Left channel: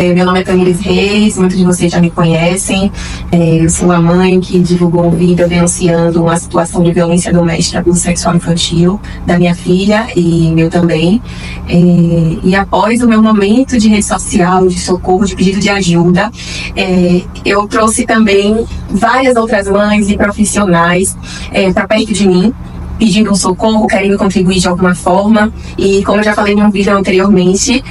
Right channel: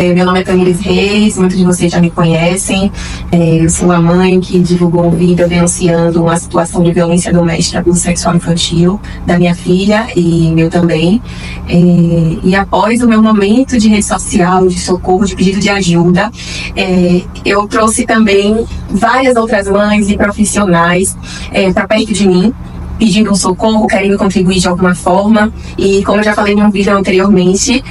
Meu nome é Tamires Reis, muitos de vocês já me conhecem. Eu sou a mãe que divulgou um vídeo denunciando uma situação de violência doméstica e abuso sexual infantil da minha filha e meu também. E após o meu momento de rede social, de socorro, de pedido de ajuda, eu trouxe também várias outras mães e profissionais para perto de mim, pedindo um socorro, querendo contribuir de alguma forma. E como eu já falei em um vídeo anteriormente,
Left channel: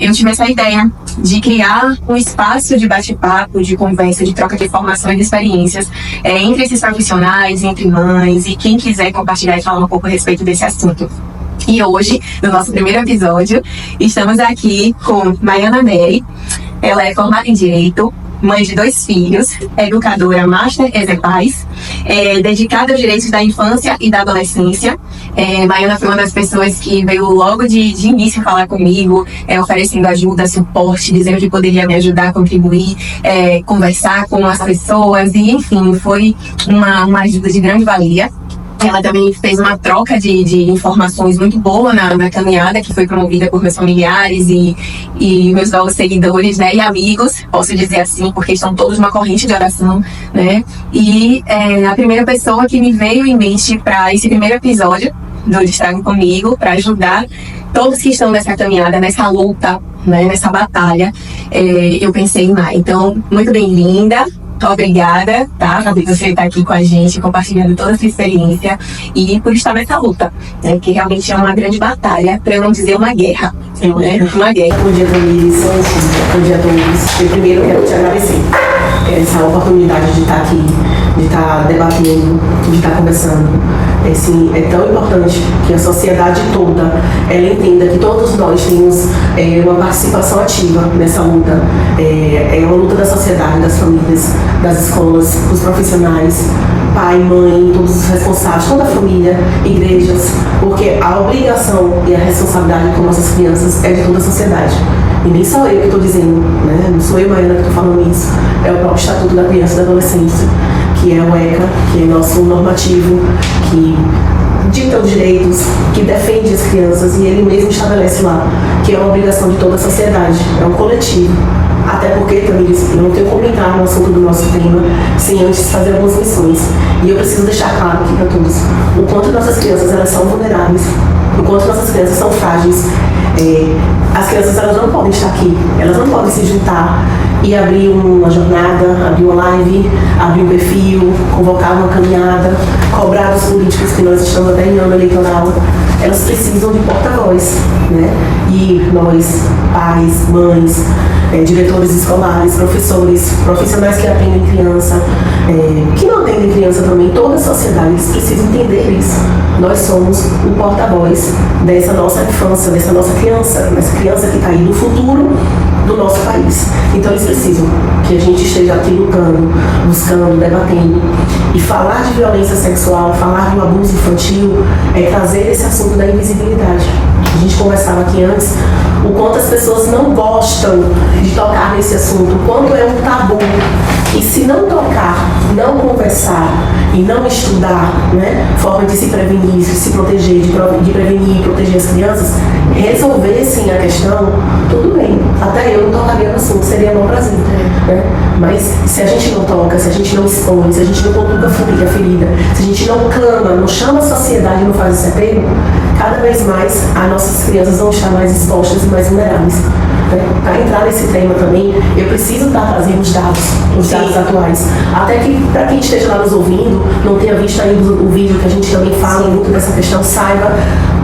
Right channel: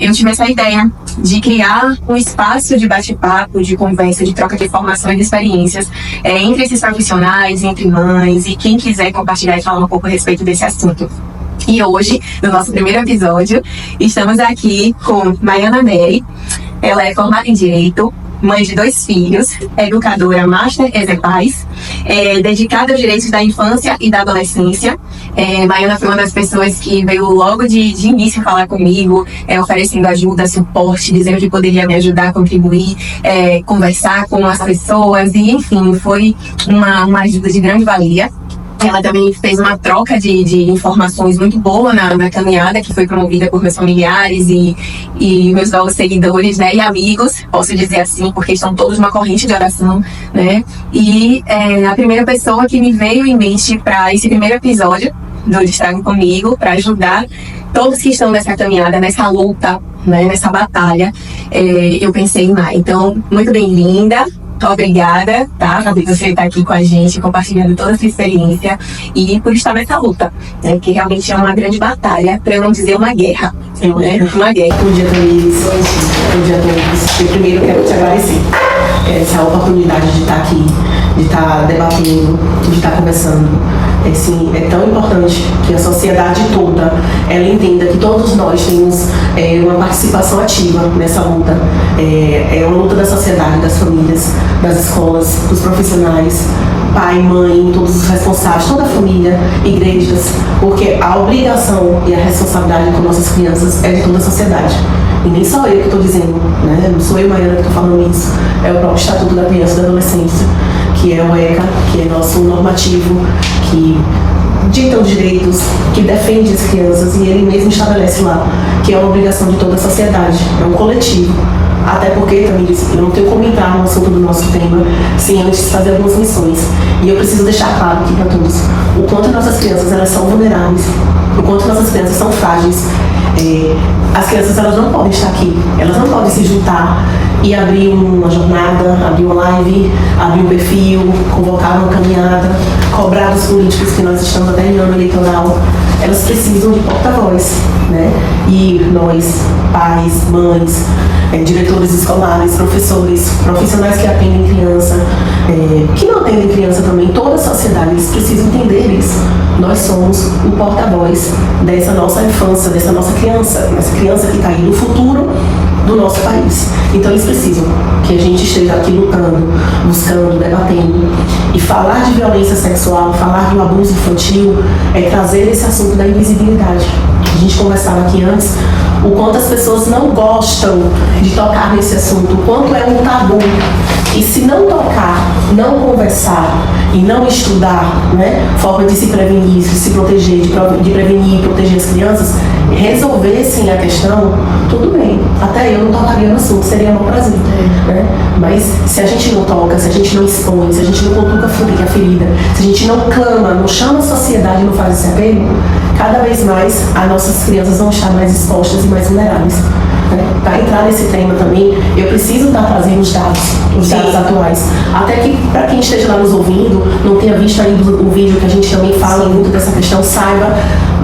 eu tive essa ideia de criar um espaço de bate-papo, de conversa, de troca de informações e experiências entre esses profissionais, entre mães e quem quiser compartilhar e falar um pouco a respeito desse assunto. E hoje, no nosso primeiro episódio, estamos aqui com Maiana Mary. Ela é formada em Direito, mãe de 2 filhos, educadora Master Exerpais, dedicada aos direitos da infância e da adolescência. Maiana foi uma das pessoas que veio logo de início falar comigo, oferecendo ajuda, suporte, dizendo que poderia me ajudar a contribuir, conversar com as pessoas, e enfim, foi uma ajuda de grande valia. Ela também fez uma troca de informações muito boa na caminhada, que foi promovida por meus familiares e meus novos seguidores, né, e amigos, posso dizer assim, porque estão todos numa corrente de oração, né? E a primeira pessoa que me veio em mente para esse primeiro episódio do Destrague Comigo, para ajudar todos que estão nessa caminhada, nessa luta, né, nessa batalha, eu pensei em Mai. Então, muito bem-vinda. Obrigada, tá? Por você estar aqui com a gente, compartilhando toda essa experiência e por estar nessa luta, né? Que realmente é uma grande batalha, para eu não dizer uma guerra, né? Uma guerra. Bom dia, Tamires. Bom dia a todos. Eu primeiro quero te agradecer essa oportunidade de estar aqui, de estar debatendo, de estar conversando. Assim, é tão importante que a sociedade toda ela entenda que todos nós temos uma participação ativa nessa luta. É uma luta da sociedade, das famílias, das escolas, dos profissionais, pai, mãe, todos os responsáveis, toda a família, igrejas, porque a obrigação e a responsabilidade com nossas crianças é de toda a sociedade. E nem só eu que estou dizendo, né? Não sou eu, Maiana, que estou falando isso. É o próprio Estatuto da Criança e da Adolescência, que é o ECA, que é nosso normativo, que dita os direitos, que defende as crianças, e ele mesmo estabelece lá que é uma obrigação de toda a sociedade, é um coletivo. Até porque, Tamires, eu não tenho como entrar no assunto do nosso tema sem antes fazer algumas lições. E eu preciso deixar claro aqui para todos o quanto nossas crianças elas são vulneráveis, o quanto nossas crianças são frágeis. As crianças elas não podem estar aqui, elas não podem se juntar e abrir uma jornada, abrir uma live, abrir um perfil, convocar uma caminhada, cobrar dos políticos que nós estamos até em ano eleitoral. Elas precisam de porta-voz, né? E nós, pais, mães, diretores escolares, professores, profissionais que atendem criança, que não atendem criança também, toda a sociedade, eles precisam entender isso. Nós somos o porta-voz dessa nossa infância, dessa nossa criança, essa criança que está aí no futuro do nosso país. Então eles precisam que a gente esteja aqui lutando, buscando, debatendo. E falar de violência sexual, falar do abuso infantil, é trazer esse assunto da invisibilidade. A gente conversava aqui antes o quanto as pessoas não gostam de tocar nesse assunto, o quanto é um tabu. E se não tocar, não conversar e não estudar, né, forma de se prevenir, de se proteger, de prevenir e proteger as crianças, resolvessem a questão, tudo bem. Até eu não tocaria no assunto, seria meu prazer. Né? Mas se a gente não toca, se a gente não expõe, se a gente não cutuca a ferida, se a gente não clama, não chama a sociedade e não faz esse apelo, cada vez mais as nossas crianças vão estar mais expostas e mais vulneráveis. Para entrar nesse tema também, eu preciso estar trazendo os dados atuais. Até que, para quem esteja lá nos ouvindo, não tenha visto ainda o vídeo que a gente também fala muito dessa questão, saiba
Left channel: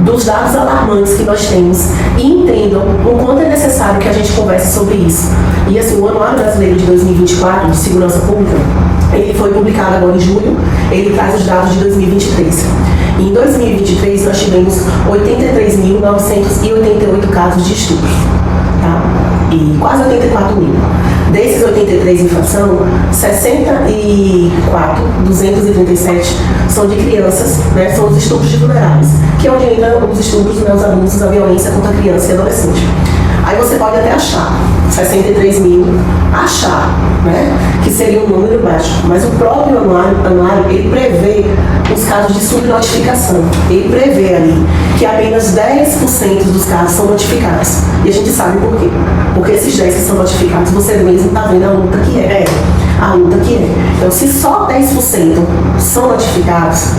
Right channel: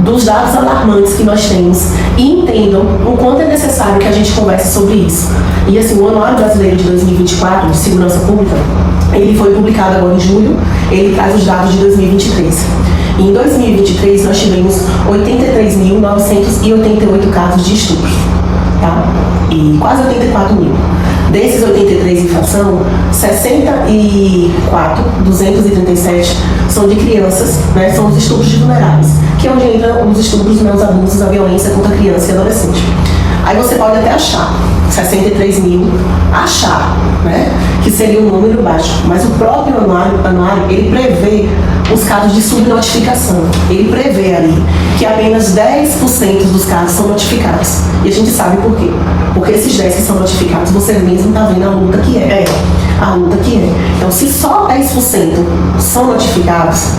dos dados alarmantes que nós temos e entendam o quanto é necessário que a gente converse sobre isso. E assim, o Anuário Brasileiro de 2024 de Segurança Pública, ele foi publicado agora em julho, ele traz os dados de 2023. E em 2023 nós tivemos 83.988 casos de estupro. Tá? E quase 84 mil. Desses 83 em infração, 64.237 são de crianças, né? São os estupros de vulneráveis, que é onde entram os estupros, né, os abusos, a violência contra a criança e adolescente. Aí você pode até achar 63 mil, né, que seria um número baixo, mas o próprio anuário ele prevê os casos de subnotificação. Ele prevê ali que apenas 10% dos casos são notificados. E a gente sabe por quê. Porque esses 10 que são notificados, você mesmo está vendo a luta que é. A luta que é. Então, se só 10% são notificados,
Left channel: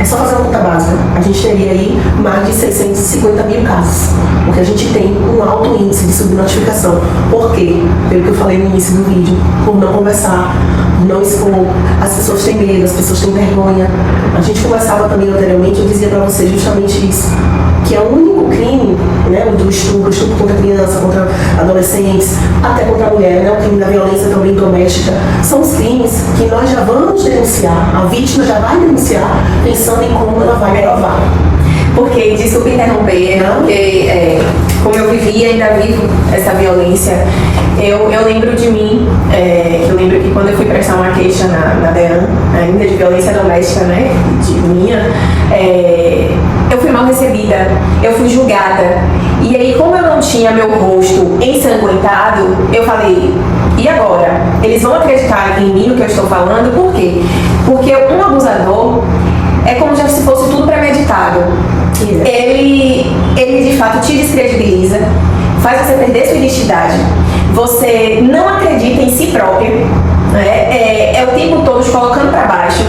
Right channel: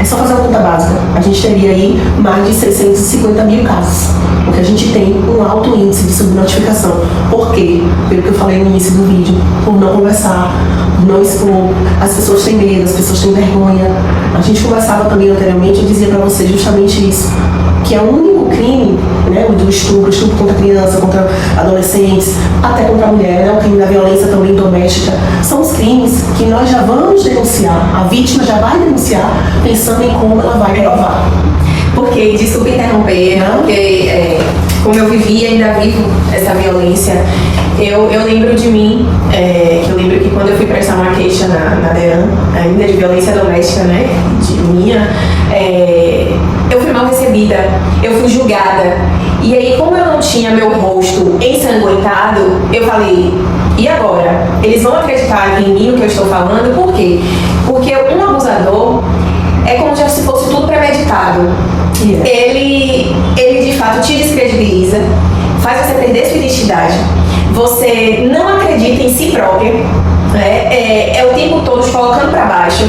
é só fazer uma conta básica. A gente teria aí mais de 650 mil casos. Porque a gente tem um alto índice de subnotificação. Por quê? Pelo que eu falei no início do vídeo. Por não conversar, por não expor. As pessoas têm medo, as pessoas têm vergonha. A gente conversava também anteriormente, eu dizia para vocês justamente isso. Que é o único crime, né, do estupro contra criança, contra adolescentes, até contra a mulher, né, o crime da violência também doméstica, são os crimes que nós já vamos denunciar, a vítima já vai denunciar, pensando em como ela vai provar. Porque, desculpa interromper, porque como eu vivi e ainda vivo essa violência, eu lembro de mim, que eu lembro que quando eu fui prestar uma queixa na DEAN, ainda de violência doméstica, né, de minha, eu fui mal recebida, eu fui julgada. E aí, como eu não tinha meu rosto ensanguentado, eu falei, e agora? Eles vão acreditar em mim no que eu estou falando? Por quê? Porque um abusador é como se fosse tudo premeditado. Ele de fato te descredibiliza, faz você perder sua identidade, você não acredita em si próprio, né? É o tempo todo te colocando para baixo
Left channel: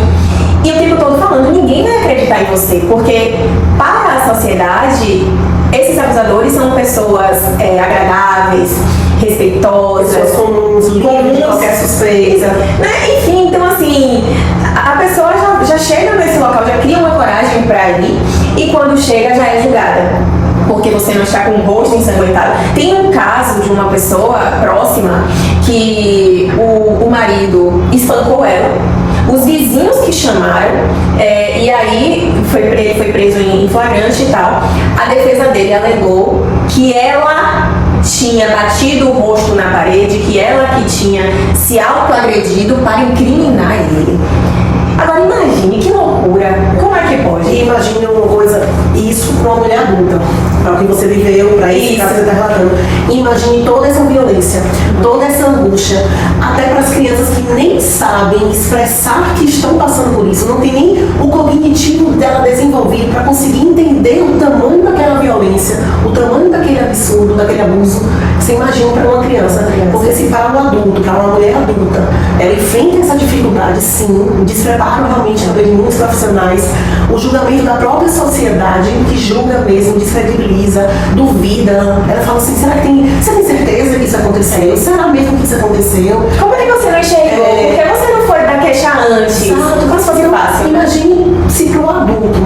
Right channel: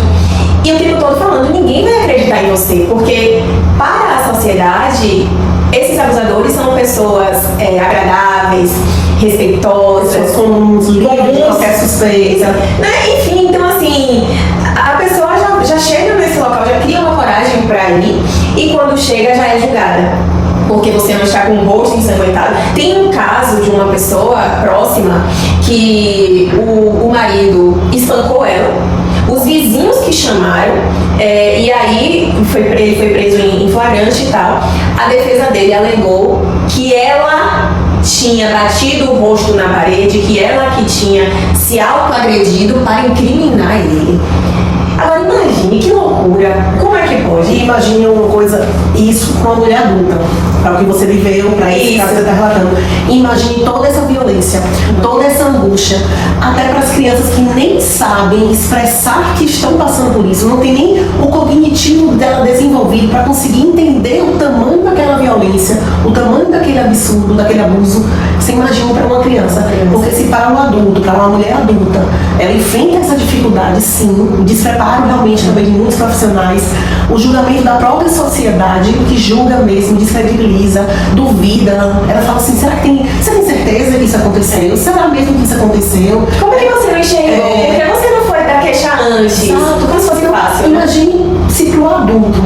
e o tempo todo falando, ninguém vai acreditar em você, porque para a sociedade esses abusadores são pessoas agradáveis, respeitosas, pessoas comuns, livres de qualquer suspeita, né? Enfim, então assim, a pessoa já chega nesse local, já cria uma coragem para ir, e quando chega já é julgada, porque você não está com o rosto ensanguentado. Tem um caso de uma pessoa próxima que o marido espancou ela, os vizinhos que chamaram, e aí ele foi preso em flagrante e tal. A defesa dele alegou que ela tinha batido o rosto na parede, que ela que tinha se autoagredido para incriminar ele. Agora imagine, que loucura, como é que pode? Imagine uma coisa, isso para uma mulher adulta, para o que você viveu, para isso que você está relatando. Imagine toda essa violência, toda essa angústia, até para as crianças que nem sabem expressar que estão passando por isso, não tem nem o cognitivo dela desenvolvido para conseguir entender o tamanho daquela violência, o tamanho daquele absurdo, daquele abuso. Você imagina para uma criança, porque se para um adulto, para uma mulher adulta, ela enfrenta essa dificuldade, sim, o despreparo realmente também de muitos profissionais, o julgamento da própria sociedade, que julga mesmo, descredibiliza, duvida. Ela fala assim, você tem certeza que isso aconteceu? Será mesmo que isso aconteceu? Como é que você não enxergou? Por que você não foi dar queixa antes? Exato. Como se fosse fácil? Imagine se para o adulto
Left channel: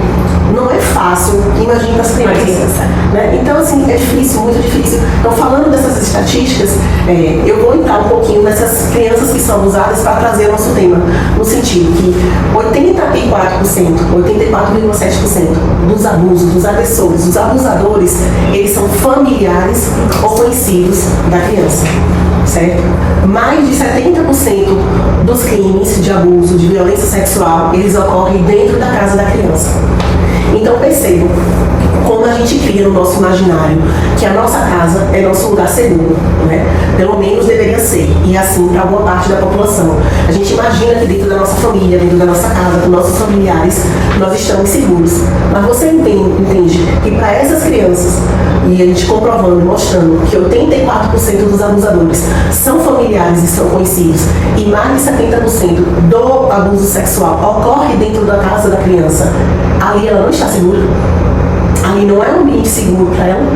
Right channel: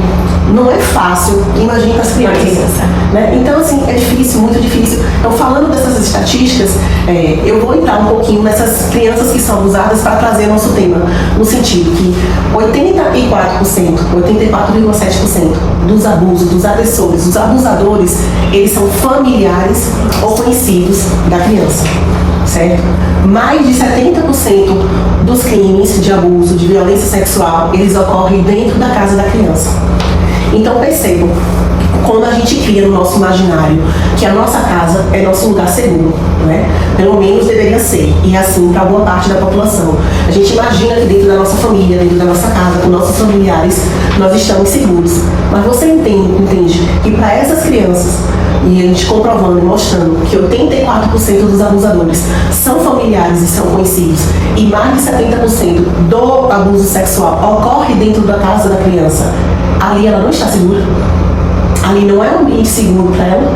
não é fácil, imagine para as crianças. Né? Então, assim, é difícil, muito difícil. Então, falando dessas estatísticas, eu vou entrar um pouquinho nessas crianças que são abusadas para trazer nosso tema, no sentido que 84,7% dos abusos, dos agressores, dos abusadores, eles são familiares ou conhecidos da criança. Certo? Mais de 70% dos crimes de abuso, de violência sexual, eles ocorrem dentro da casa da criança. Então percebam como a gente cria no nosso imaginário que a nossa casa é nosso lugar seguro, né? Pelo menos deveria ser, e assim para boa parte da população. A gente imagina que dentro da nossa família, dentro da nossa casa, com nossos familiares, nós estamos seguros. Mas você entende que para essas crianças, e a gente comprovando e mostrando que 84% dos abusadores são familiares e são conhecidos, e mais de 70% do abuso sexual ocorre dentro da casa da criança, ali ela não está segura. Ali não é um ambiente seguro para ela.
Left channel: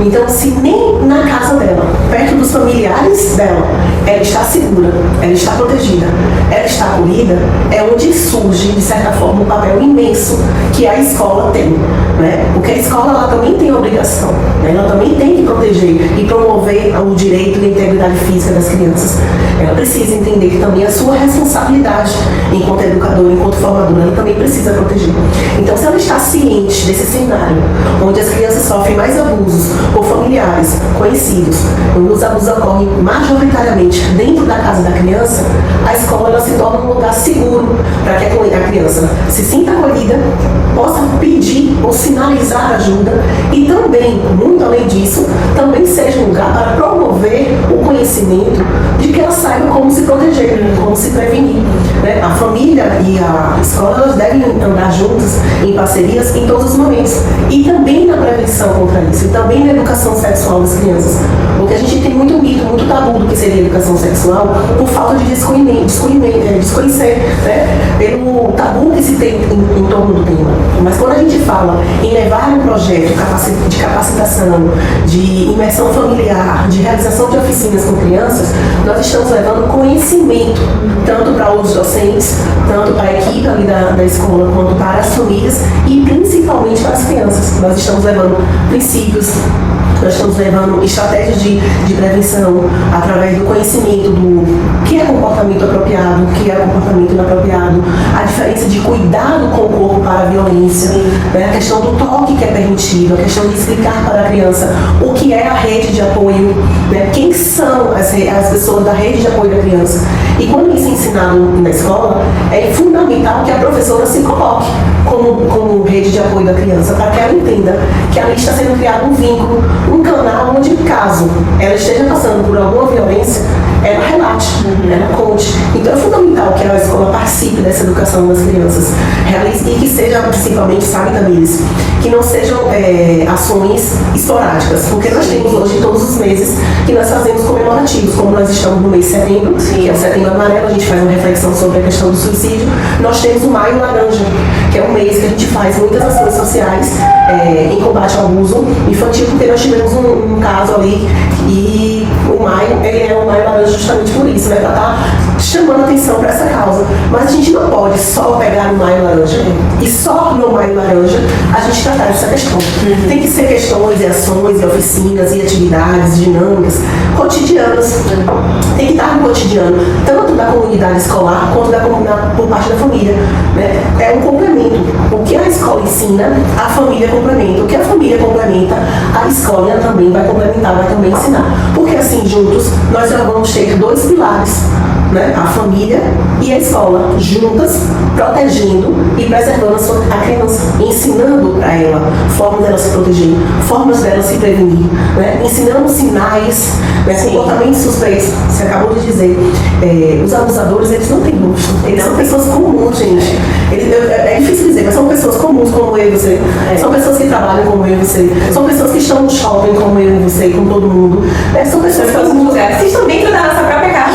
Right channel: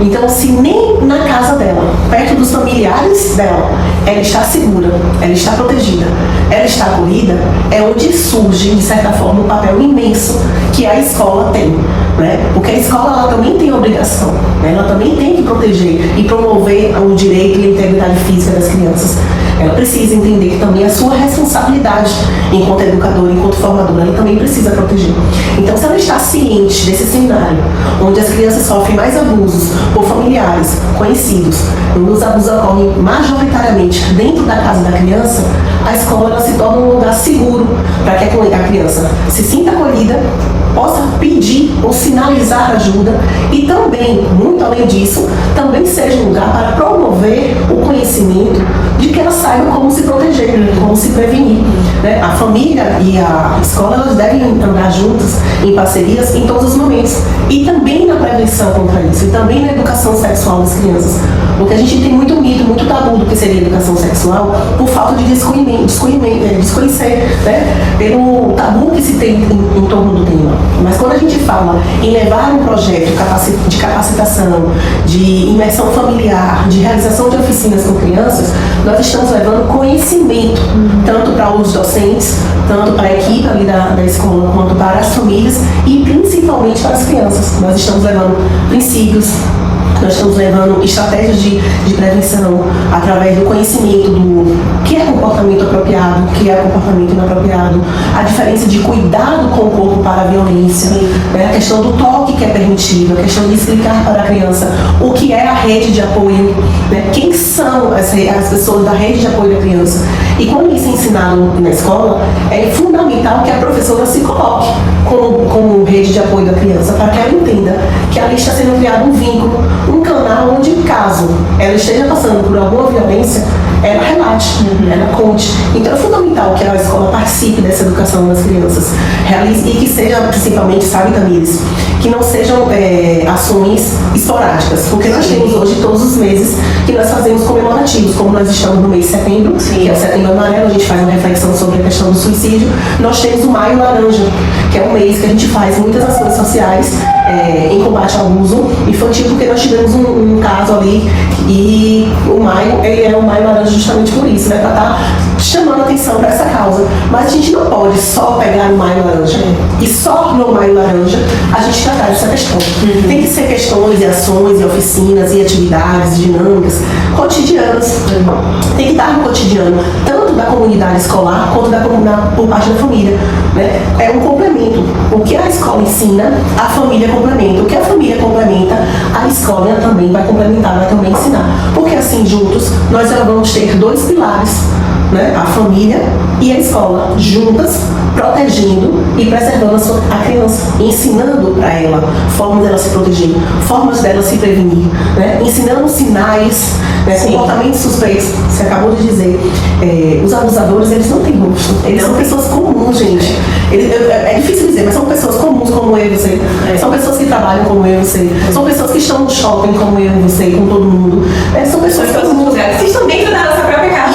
Então, se nem na casa dela, perto dos familiares dela, ela está segura, ela está protegida, ela está acolhida, é onde surge, de certa forma, um papel imenso que a escola tem. Né? Porque a escola ela também tem a obrigação, né? Ela também tem que proteger e promover o direito e a integridade física das crianças. Ela precisa entender que também a sua responsabilidade enquanto educadora, enquanto formadora, ela também precisa proteger. Então, se ela está ciente desse cenário, onde as crianças sofrem mais abusos por familiares, conhecidos, onde os abusos ocorrem majoritariamente dentro da casa da criança, a escola ela se torna um lugar seguro para que a criança se sinta acolhida, possa pedir ou sinalizar ajuda e também, muito além disso, também seja um lugar para promover o conhecimento de que ela saiba como se proteger, como vamos se prevenir, né? A família e a escola, elas devem andar juntas, em parcerias, em todos os momentos. E também na prevenção contra isso, e também na educação sexual das crianças. Porque a gente tem muito mito, muito tabu do que seria educação sexual, por falta de desconhecer, né? Pelo tabu que se tem em torno do tema. Mas quando a gente fala em levar um projeto de capacitação, de imersão familiar, de realização de oficinas com crianças, nós estamos levando conhecimento, tanto para os docentes, tanto para a equipe ali da escola, quanto para as famílias e principalmente para as crianças. Nós estamos levando princípios, nós estamos levando estratégias de prevenção através do conhecimento do que é comportamento apropriado, o que é comportamento inapropriado, a diferença de cuidado com o corpo para a violência, né? A questão do toque que é permitido, a questão de explicar para a criança o que é a rede de apoio, né? Quem são as pessoas da rede de apoio da criança. E quando isso é ensinado na escola, é fundamental que a professora se coloque como rede de apoio da criança, para que ela entenda que ali está sendo criado um vínculo, um canal onde, caso ela esteja passando por alguma violência, ela relate, ela conte. Então é fundamental que a escola participe dessa educação das crianças, realize, e que seja, principalmente, sabe, Tamires, que não sejam ações esporádicas, porque nós temos hoje todos os meses que nós fazemos comemorativos, como nós estamos no mês de setembro, que é Setembro Amarelo, a gente faz uma reflexão sobre a questão do suicídio. Nós temos o Maio Laranja, que é um mês que a gente faz muitas ações sociais em combate ao abuso infantil, porque nós tivemos um caso ali, e o maio, ele é o Maio Laranja justamente por isso, né, para estar chamando atenção para essa causa. Mas a gente não pode só pegar no Maio Laranja e só no Maio Laranja a gente tratar dessa questão. Tem que ser questões e ações e oficinas e atividades dinâmicas cotidianas. Tem que estar no cotidiano, tanto da comunidade escolar quanto por parte da família, né? É um complemento. O que a escola ensina, a família complementa. O que a família complementa, a escola também vai complementar, vai também ensinar. Porque assim, juntos, nós já vamos ter dois pilares, né? A família e a escola, juntas, protegendo e preservando a criança, ensinando para ela formas dela se proteger, formas dela se prevenir, né? Ensinando sinais, né? Comportamentos suspeitos. Você acabou de dizer, os abusadores, eles não têm rosto, eles são pessoas comuns, gente. É difícil dizer, mas são pessoas comuns como eu e você. São pessoas que trabalham como eu e você. São pessoas que estão no shopping como eu e você, com todo mundo. São pessoas que estão dentro da nossa própria casa.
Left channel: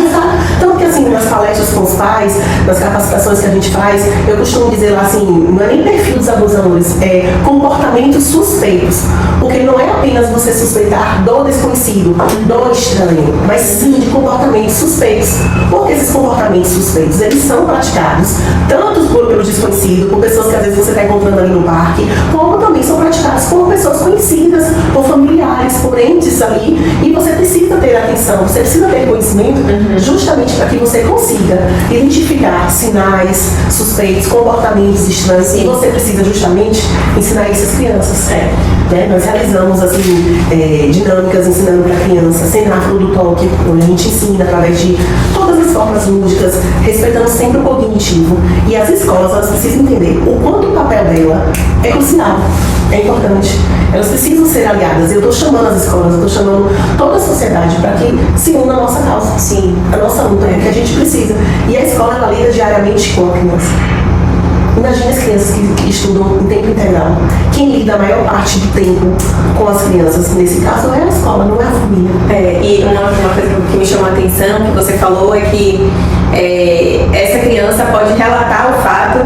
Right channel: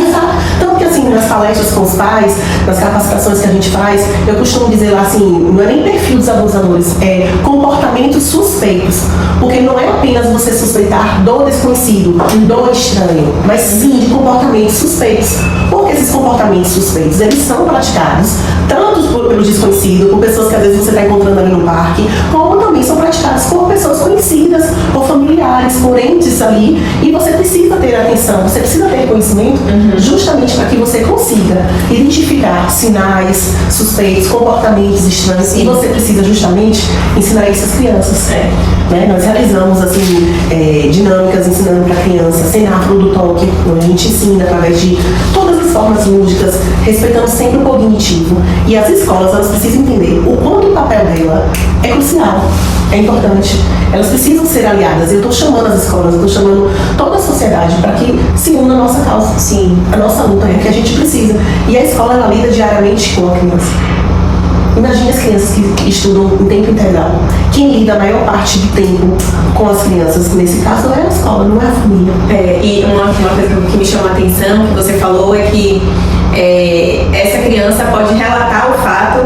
Tanto que assim, nas palestras com os pais, nas capacitações que a gente faz, eu costumo dizer lá assim, não é nem perfil dos abusadores, é comportamentos suspeitos. Porque não é apenas você suspeitar do desconhecido, do estranho, mas sim de comportamentos suspeitos. Porque esses comportamentos suspeitos, eles são praticados tanto pelo desconhecido, por pessoas que às vezes você está encontrando ali no parque, como também são praticados por pessoas conhecidas, por familiares, por entes ali, e você precisa ter atenção, você precisa ter conhecimento justamente para que você consiga identificar sinais suspeitos, comportamentos estranhos, e você precisa justamente ensinar isso às crianças. Né? Nós realizamos assim, dinâmicas ensinando para a criança, cenáculo do toque, onde a gente ensina através de todas as formas lúdicas, respeitando sempre o cognitivo. E as escolas, elas precisam entender o quanto o papel dela é crucial, é importante. Elas precisam ser aliadas. Eu estou chamando as escolas, eu estou chamando toda a sociedade para que se una a nossa causa, sim, a nossa luta, que a gente precisa. E a escola, ela lida diariamente com a criança. Imagina as crianças que estudam em tempo integral. Quem lida a maior parte do tempo com as crianças, nesse caso, não é a escola, não é a família. E uma coisa que me chamou a atenção, que você falou, é que essa criança pode relatar o fato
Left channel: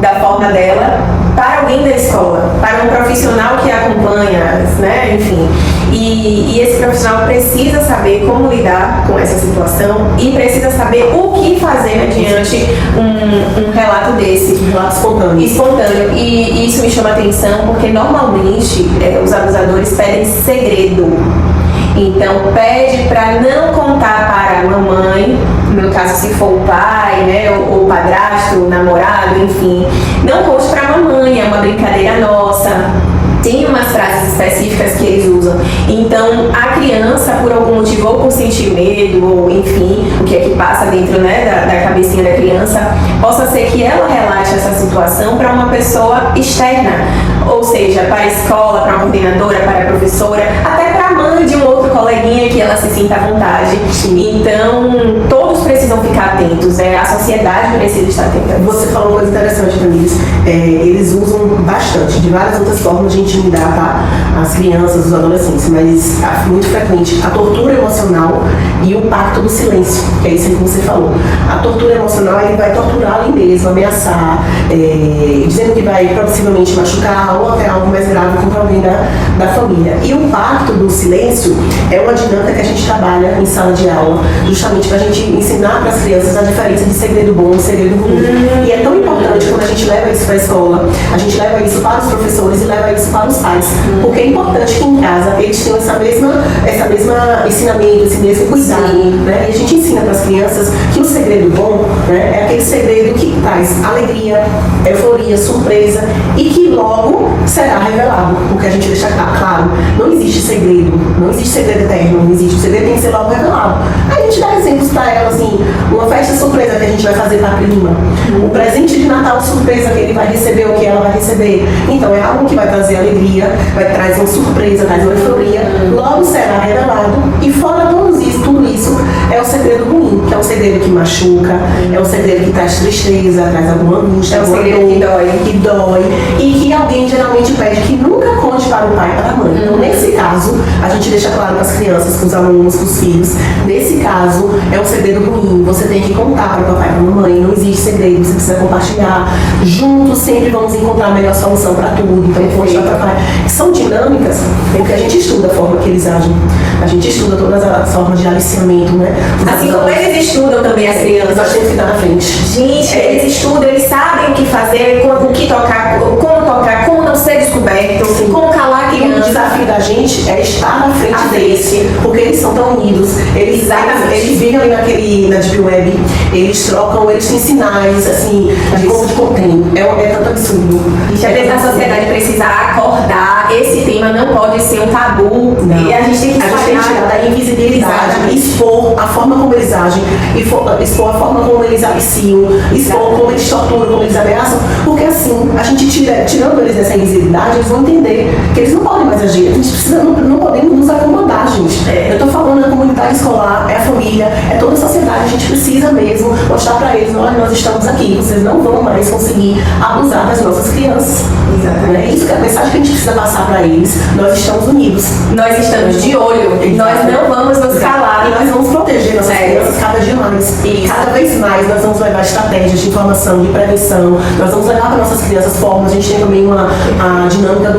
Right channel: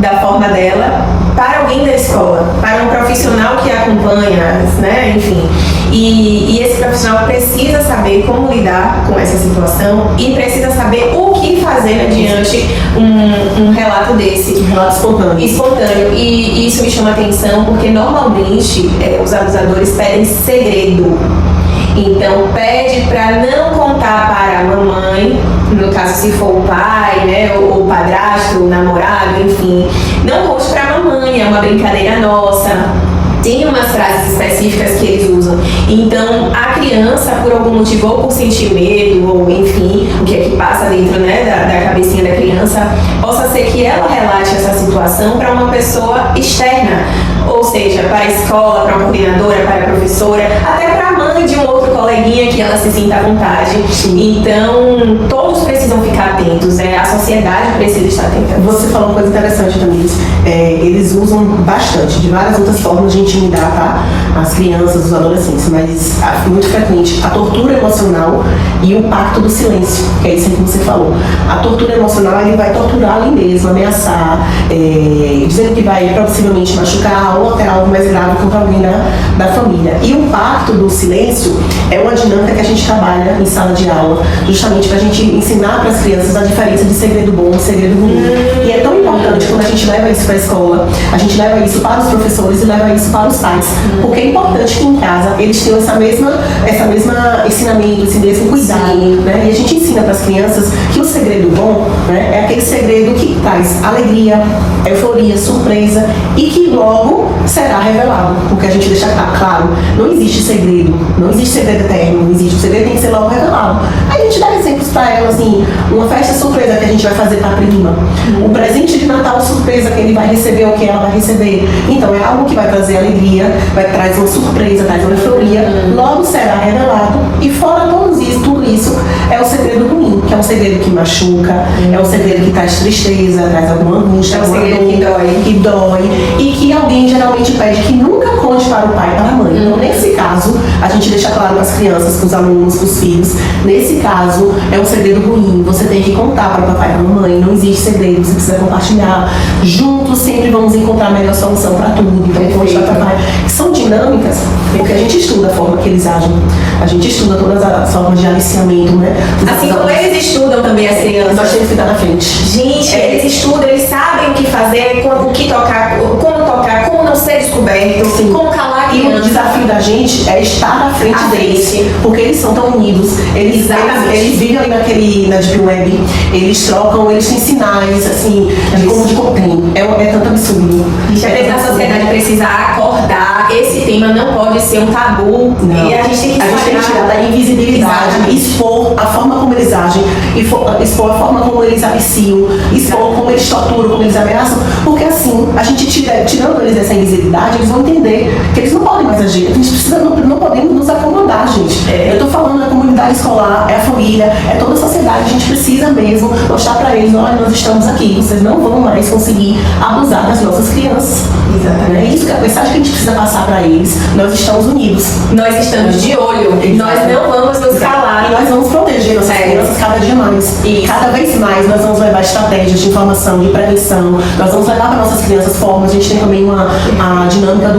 da forma dela para alguém da escola, para um profissional que a acompanha, né? Enfim. E esse profissional precisa saber como lidar com essa situação e precisa saber o que fazer mediante um relato desse. Um relato espontâneo. E isso me chama a atenção porque normalmente os abusadores pedem segredo. Então pede para não contar para a mamãe, no caso se for o pai, né, o padrasto, o namorado, enfim. Não conte para a mamãe, é uma brincadeira nossa. Tem umas frases específicas que eles usam. Então, a criança, por algum motivo, ou por sentir medo, ou enfim, o que é que passa dentro, né, da cabecinha da criança, possa ser que ela relate essa situação para uma pessoa externa. Ou seja, para a escola, para a coordenadora, para a professora, até para a mãe de um outro coleguinha que ela se sinta à vontade. Então, todos precisam ficar atentos. sociedade precisa estar atenta. Você falou uma coisa interessante, Tamires. Eles usam bastante, de várias outras formas de intimidar, tá? As crianças, os adolescentes, mas muito frequente a tortura emocional e o pacto do silêncio, que é isso que você falou. A tortura emocional, ele vai torturar ali mesmo, ameaçar, dizendo que vai possivelmente machucar ou até algo mais grave contra alguém da família. E o pacto do silêncio é uma dinâmica que a gente trabalha em sala de aula, justamente para a gente ensinar para as crianças a diferença de segredo bom e segredo ruim. E é tão importante quando a gente leva isso para a escola, a gente leva isso para os professores e leva isso para os pais, porque é importante que em casa eles tenham essa mesma ensinamento, esse mesmo cuidado, né? E a gente ensina para as crianças que o segredo bom, né, é aquele segredo que traz alegria, euforia, surpresa e que logo será revelado, porque a gente deixa claro, não existe segredo eterno, não existe, o segredo tem que ser logo revelado. Aí a gente dá exemplos para ela, assim, uma festa surpresa que a gente vai fazer para a prima, um presente de Natal surpresa que ele vai receber ou que ela vai receber. Então é algo que vai trazer alegria, vai trazer uma surpresa, traz uma euforia, logo será revelado. E fora tudo isso é o segredo ruim, que é um segredo que machuca, é um segredo que traz tristeza, traz alguma angústia, é um segredo que dói e que alguém geralmente pede que nunca conte para o pai e para a mãe. Então, nesse caso, a gente deixa claro para as crianças, para os alunos, para os filhos, nesse caso é um segredo ruim, você tem que contar para o papai e para a mamãe, não existe segredo, você precisa compartilhar. Juntos sempre vamos encontrar a melhor solução para tudo. Então, poxa, papai, são dinâmicas, porque a gente estuda a forma que eles agem, a gente estuda todas as formas de aliciamento, né? Assim como eles estudam também as crianças. Nós temos que estar na frente. Gente, eles estudam, eles sabem o que fazer, o que tocar, como não ser descoberto, como calar a E o criança. desafio da gente é estar na frente deles, porque eles são tão unidos, eles vivem ali na Deep Web, eles trocam, eles têm sinais, assim, de como de contém. É tanto absurdo. A sociedade precisa acordar, esse tema não pode ser um tabu. Não. E a gente tem que tirar da invisibilidade, expor a forma como eles agem, expor a forma como eles aliciam, expor como eles torturam, como eles ameaçam, porque assim, a gente tirando eles dessa invisibilidade, eles vão entender que eles não podem mais agir. A gente precisa, não podemos nos acomodar, gente. Eu estou falando da comunidade escolar, é a família, é toda a sociedade, a gente precisa mesmo mostrar para eles, nós estamos aqui, vocês não vão mais conseguir abusar das nossas crianças. É isso que é a mensagem que a gente precisa passar para eles. Nós estamos unidos. Nós estamos de olho. Nós não vamos nos calar. E nós vamos proteger nossas crianças cada dia mais. E cada vez mais nós vamos levar estratégias de informação, de prevenção. Nós vamos levar para nossas crianças formas. A gente tem também a dinâmica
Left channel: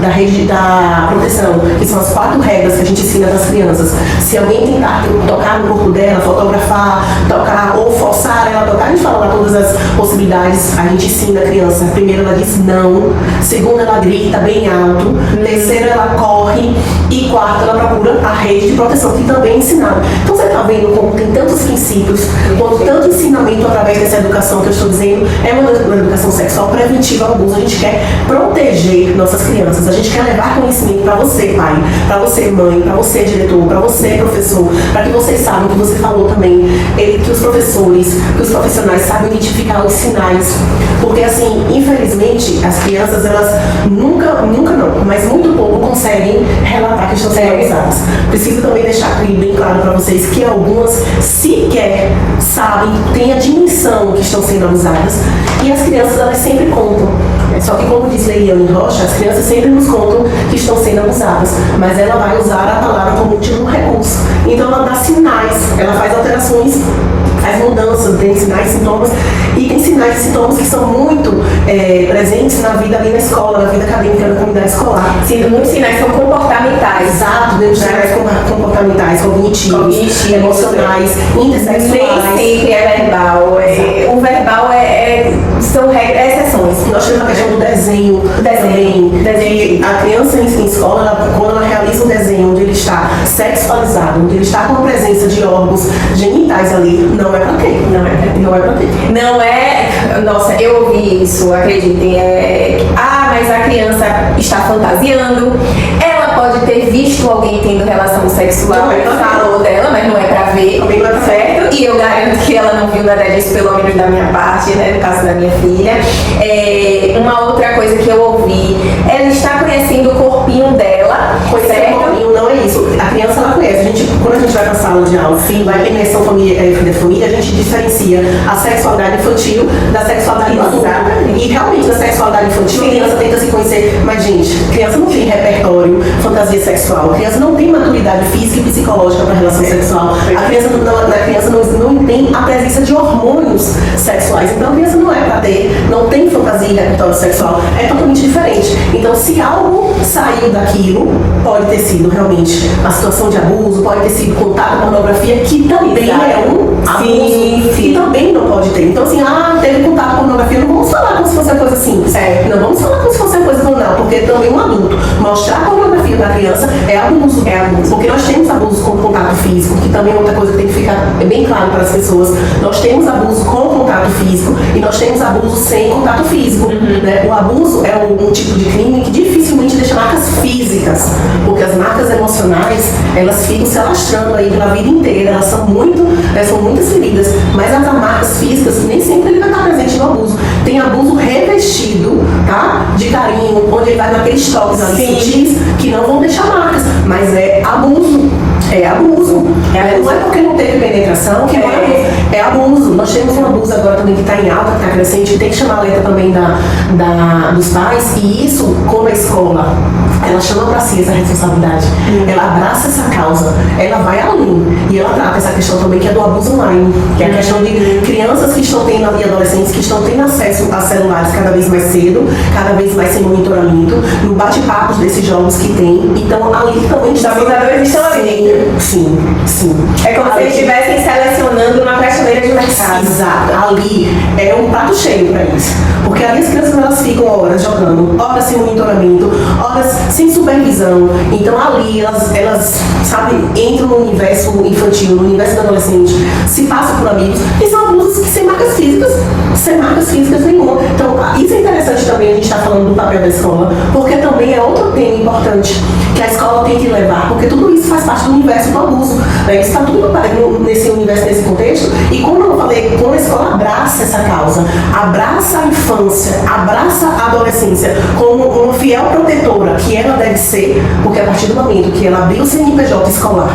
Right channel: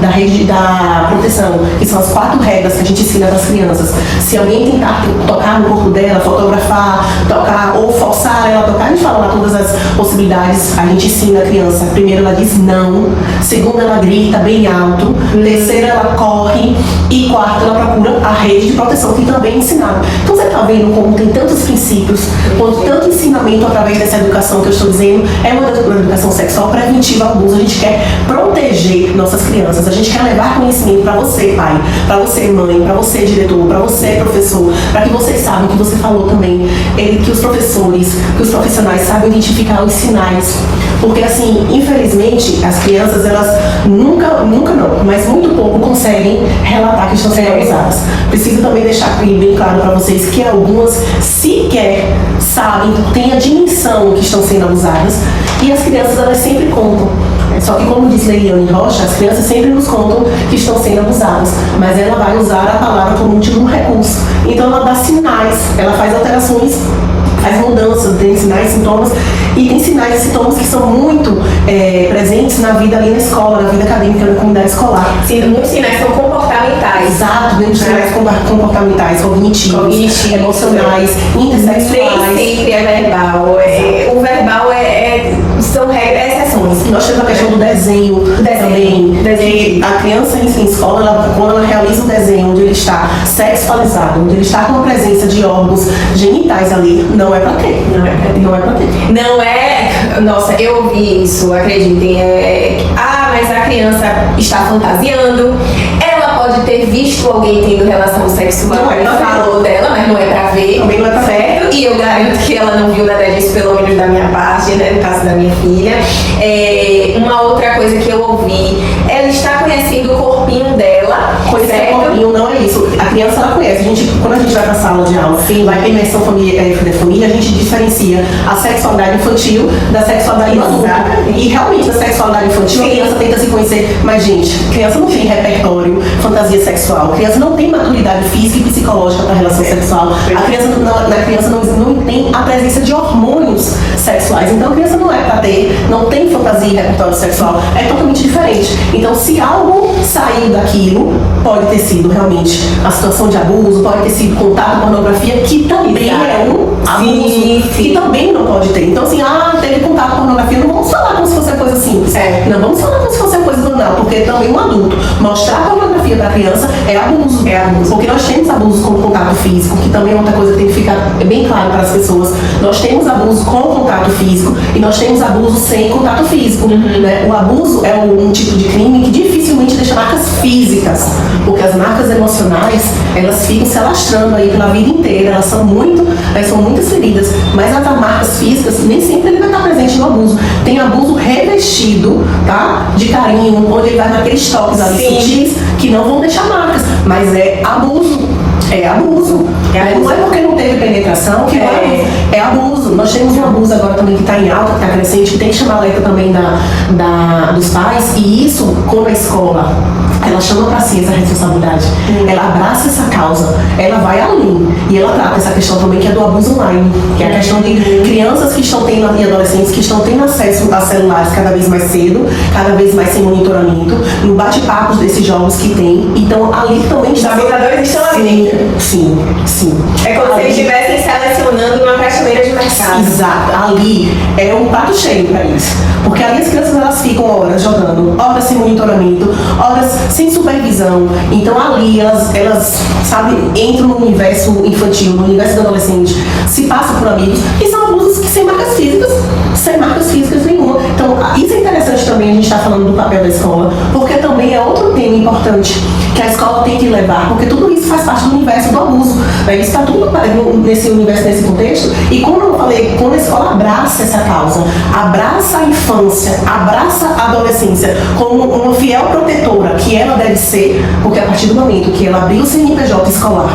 da rede da proteção, que são as 4 regras que a gente ensina para as crianças. Se alguém tentar tocar no corpo dela, fotografar, tocar ou forçar ela a tocar, a gente fala lá todas as possibilidades. A gente ensina a criança. Primeiro ela diz não. Segundo ela grita bem alto. Terceiro ela corre. E quarto ela procura a rede de proteção, que também é ensinada. Então você está vendo como tem tantos princípios, quanto tanto ensinamento através dessa educação que eu estou dizendo, é uma educação sexual preventiva ao abuso. A gente quer proteger nossas crianças, a gente quer levar conhecimento para você, pai, para você, mãe, para você, diretor, para você, professor, para que vocês saibam, que você falou também, que os professores, que os profissionais saibam identificar os sinais, porque assim, infelizmente, as crianças, elas nunca não, mas muito pouco conseguem relatar que estão sendo abusadas. Preciso também deixar bem claro para vocês que algumas sequer sabem, têm a dimensão que estão sendo abusadas, e as crianças, elas sempre contam. Só que, como diz Leiliane Rocha, as crianças sempre nos contam que estão sendo abusadas, mas ela vai usar a palavra como último recurso. Então ela dá sinais, ela faz alterações, faz mudanças, tem sinais, sintomas, e tem sinais e sintomas que são muito presentes na vida ali na escola, na vida acadêmica, na comunidade escolar. Sim, muitos sinais são comportamentais. Exato, muitos sinais comportamentais, cognitivos, emocionais, intersexuais. Nem sempre é verbal. O verbal são exceções. Nós temos a questão do desenho também. A criança em escola, quando ela realiza um desenho onde ele está sexualizado, onde ele está com a presença de órgãos genitais ali, não é pra ter. Não é. Nossa, eu ouvi isso, acreditem. Mas a criança está fantasiando, ela pode pode ter visto alguém tendo relação sexual, ele falou dela, mas não é pra ver, certo? E eu garanto que ela não viu nada disso, pelo menos da minha parte, né, no caso da minha filha. Uma outra coisa que eu ouvi, ela está conhecendo o corpinho dela, certo? O corpinho não é isso. A criança, ela conhece. Quando a gente vai pra sala de aula, vai ter imersão da família, a gente diferencia a sexualidade infantil da sexualidade adulta. E realmente, a sexualidade infantil, a criança tenta se conhecer. Mas, gente, criança não tem repertório, fantasia sexual. A criança não tem maturidade física e psicológica para relação sexual. A criança não tem a presença de hormônios sexuais. Então, a criança não é para ter, não tem fantasia e repertório sexual. É totalmente diferente. Então, se algo saiu daquilo, pode ter sido realmente a situação de abuso, pode ter sido contato com pornografia, que também é um abuso, que também não pode ter. Então, assim, teve contato com pornografia, não vamos falar como se fosse uma coisa simples. Não vamos falar como se fosse uma coisa banal, porque também um adulto mostrar a pornografia da criança é abuso. Porque nós temos abuso com contato físico, que também é outra coisa que tem que ficar bem claro para as pessoas. Nós temos abuso com contato físico e nós temos abuso sem contato físico. Né? O abuso é um tipo de crime que dificilmente deixa marcas físicas, porque as marcas emocionais, elas ficam se alastrando aí pela vida inteira, elas são muitas feridas, mas as marcas físicas nem sempre ele vai estar presente no abuso. Tem abuso revestido, tá? De carinho, onde ele vai naqueles toques ali sutis que não vão deixar marcas, mas é abuso. É abuso. Não é porque não teve penetração que é abuso. Nós temos um abuso agora também que está em alta, que está crescente, que tem que chamar a alerta também dos pais, e isso, quando a escola ela chama para si essa responsabilidade, ela abraça essa causa, ela vai além e ela trata essa questão também que é do abuso online, que é a questão de crianças que estão tendo e adolescentes que estão tendo acesso a celulares cada vez mais cedo, cada vez mais sem monitoramento, no bate-papos desses jogos que tem. Então ali também os abusadores estão ali. Sim. É como se eles estivessem selecionando uma prateleira de mercado. Exato. Ali é um prato cheio para isso. Porque ali as crianças elas ficam horas jogando, horas sem monitoramento, horas sem supervisão. Então ali elas sabe, entram no universo infantil, no universo do adolescente, se passam por amigos, e são abusos que sem marcas físicas nenhuma. Então isso é interessante também, a gente está falando do papel da escola, porque também é outro tema importante que a escola tem que levar, porque tudo isso faz parte do universo do abuso. Isso está tudo nesse universo, nesse contexto, e como eu falei, quando a escola abraça essa causa, abraça a infância, abraça a adolescência como uma fiel protetora, que ela deve ser, porque a partir do momento que ela abriu o CNPJ escolar,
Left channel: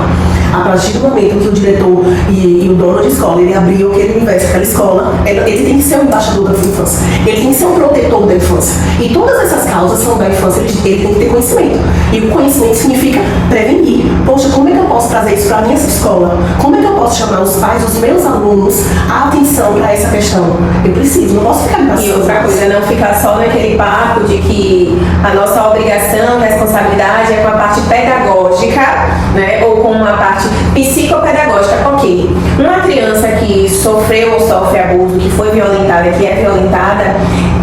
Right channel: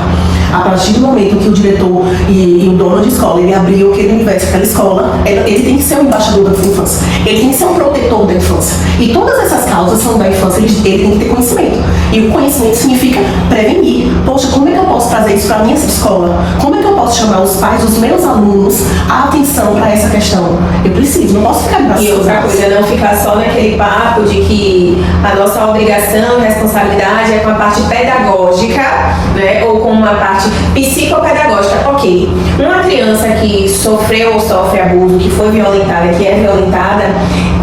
a partir do momento que o diretor e o dono de escola, ele abriu aquele universo, aquela escola, ele tem que ser o embaixador da infância, ele tem que ser um protetor da infância, e todas essas causas são da infância, ele tem que ter conhecimento, e o conhecimento significa prevenir. Poxa, como é que eu posso trazer isso para a minha escola? Como é que eu posso chamar os pais dos meus alunos a atenção para essa questão? Eu preciso, não posso ficar E outra coisa, não ficar só naquele papo de que a nossa obrigação, responsabilidade é com a parte pedagógica, né, ou com uma parte psicopedagógica. Ok, uma criança que sofreu ou sofre abuso, que foi violentada, que é violentada,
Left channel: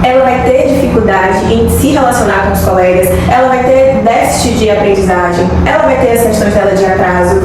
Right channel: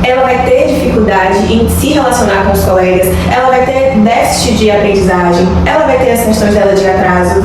ela vai ter dificuldade em se relacionar com os colegas, ela vai ter déficit de aprendizagem, ela vai ter as questões dela de atraso,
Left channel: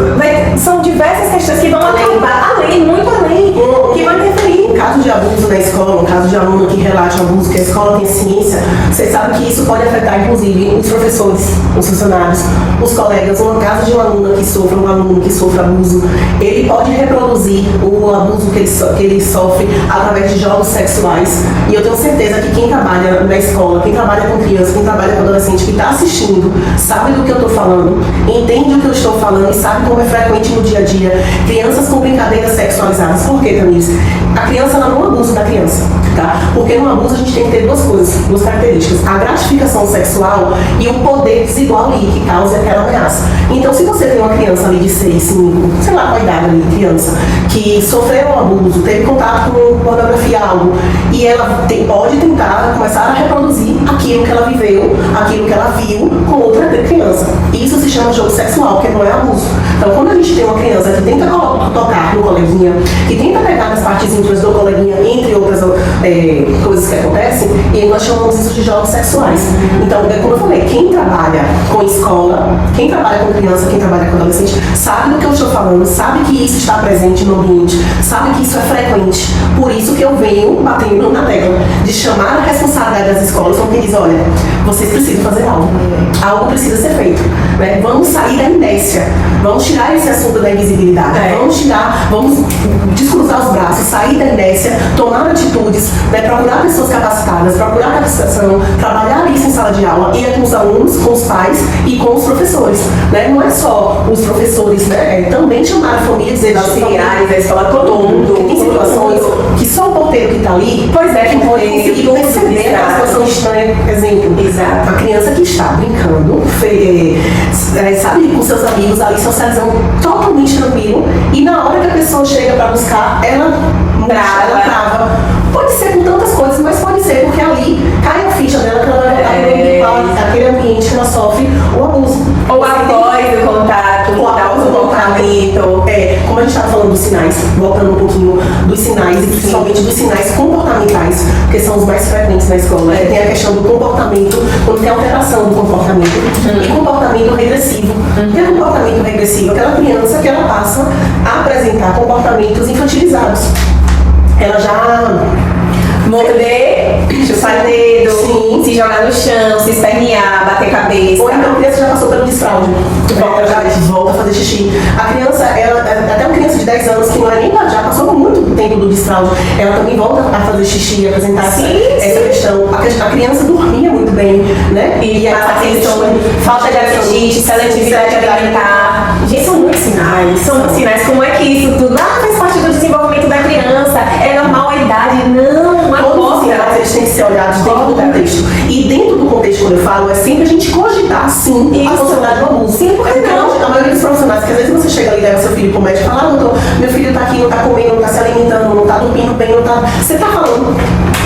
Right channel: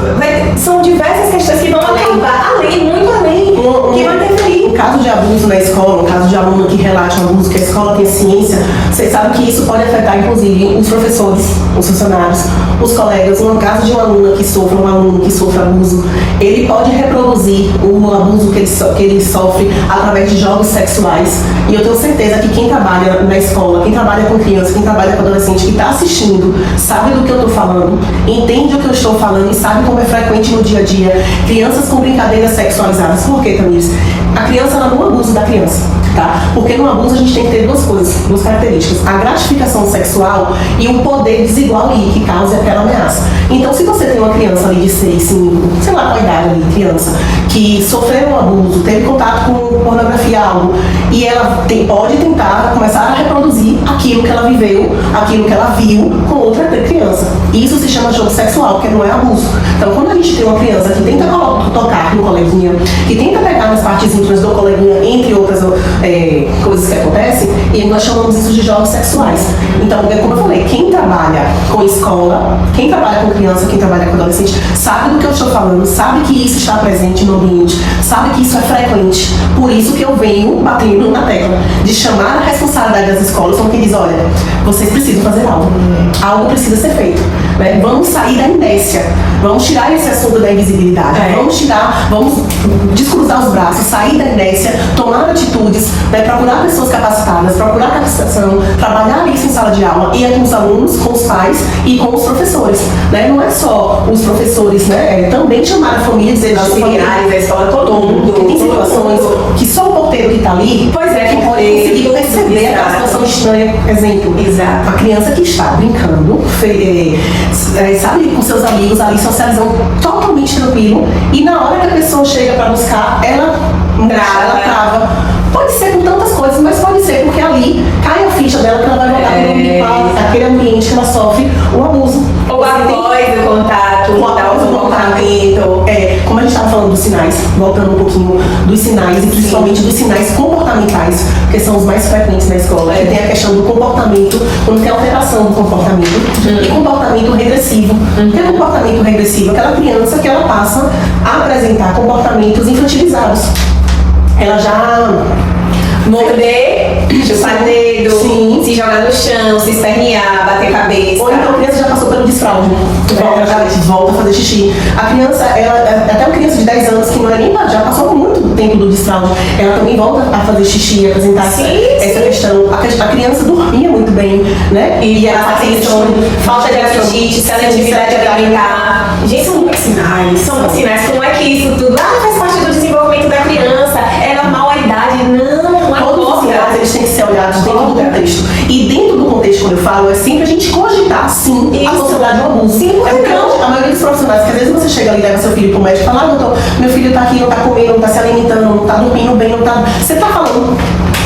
são diversas questões que vão acabar além, muito além, que vão interferir. O caso de abuso na escola, o caso de aluno que relata o abuso, que a escola tem ciência, você sabe que isso pode afetar, inclusive, os professores, os funcionários, os colegas. No caso de um aluno que sofre abuso, ele pode reproduzir o abuso que ele sofre através de jogos sexuais. E eu tenho certeza que quem trabalha na escola, quem trabalha com criança, quem trabalha com adolescente, que está assistindo, sabe do que eu estou falando, entende o que eu estou falando e sabe como é frequente no dia a dia crianças com brincadeiras sexualizadas. Por quê, Tamires? A criança, ela não abusa da criança, tá? Porque no abuso a gente tem que ter duas coisas, duas características: a gratificação sexual e o poder desigual ali que causa aquela ameaça. Então, se você tem uma criança ali de 6, 5, sei lá, a idade ali, criança, que sofreu um abuso, teve contato com pornografia, algo, e ela pode tentar começar a reproduzir aquilo que ela viveu, aquilo que ela viu com outra criança. Isso se chama jogo sexual, que não é abuso. Então, quando a gente tem uma criança que tenta tocar no coleguinha, que tenta pegar nas partes íntimas do coleguinha, entre outras coisas que acontecem, e nós chamamos isso de jogos sexuais. Então, como eu falei, quem trabalha com escola, quem trabalha com criança, quem trabalha com adolescente, sabe do que eu estou falando, sabe que isso está presente no ambiente, sabe que isso é frequente. Por isso que eu venho batendo na tecla de chamar a responsabilidade das escolas, porque diz, olha, vocês precisam fazer algo precisa ser feito, né? Vamos sair da inércia, vamos tirar esse assunto da invisibilidade, vamos descruzar os braços, sair da inércia, tomar atitudes, né? Procurar pessoas capacitadas, procurar capacitação, trabalhar isso em sala de aula, e com os alunos, com os pais e com os professores, né? Não é só os professores, né? Também chamar a família, dizer os auxiliares da escola, todo mundo, porque tem situações que só o porteiro que está ali que pode conseguir perceber aquela situação estranha. Exemplo, exato. A criança que está brincando, sabe, com seus amigos ali, socializando totalmente tranquilo, e na hora que a pessoa chega para buscar, ela trava. Pode ser com tantas coisas, mas pode ser porque ali cai a ficha dela que ela vai voltar aquele ambiente que ela sofre o abuso. Ou após o contato, o comportamento. Como a gente estava falando dos sinais, voltando um pouquinho dos sinais, e principalmente dos sinais comportamentais, que são os mais frequentes na escola. Tem a questão do comportamento, quando tem alteração do comportamento, e comportamento regressivo. O que é comportamento regressivo? Aquela criança que ela passa a apresentar comportamentos infantilizados. Ela já morder, chupar dedo, se jogar no chão, se espernear, bater cabeça. Ou então a criança já passou pelo desfraude, volta a fazer xixi. A criança, até uma criança de 10 anos que não é nem já passou muito tempo do desfraude, ela também volta a fazer xixi, a apresentar essa questão. A criança dormia muito bem, né? E a falta de apetite, seletividade alimentar. Gente, são muitos sinais. Como é que isso tudo faz parte do desenvolvimento da criança? É normal a idade? Não é todos eles têm que ser olhados dentro do contexto. E dentro do contexto, quando eu falo, é sempre a gente cogitar, sim, a possibilidade de um abuso. Sim, porque não. A maioria dos profissionais, que às vezes você chega ali e leva seu filho pro médico e fala, doutor, meu filho está aqui, não está comendo, não está se alimentando, não está dormindo bem, não está... Você está falando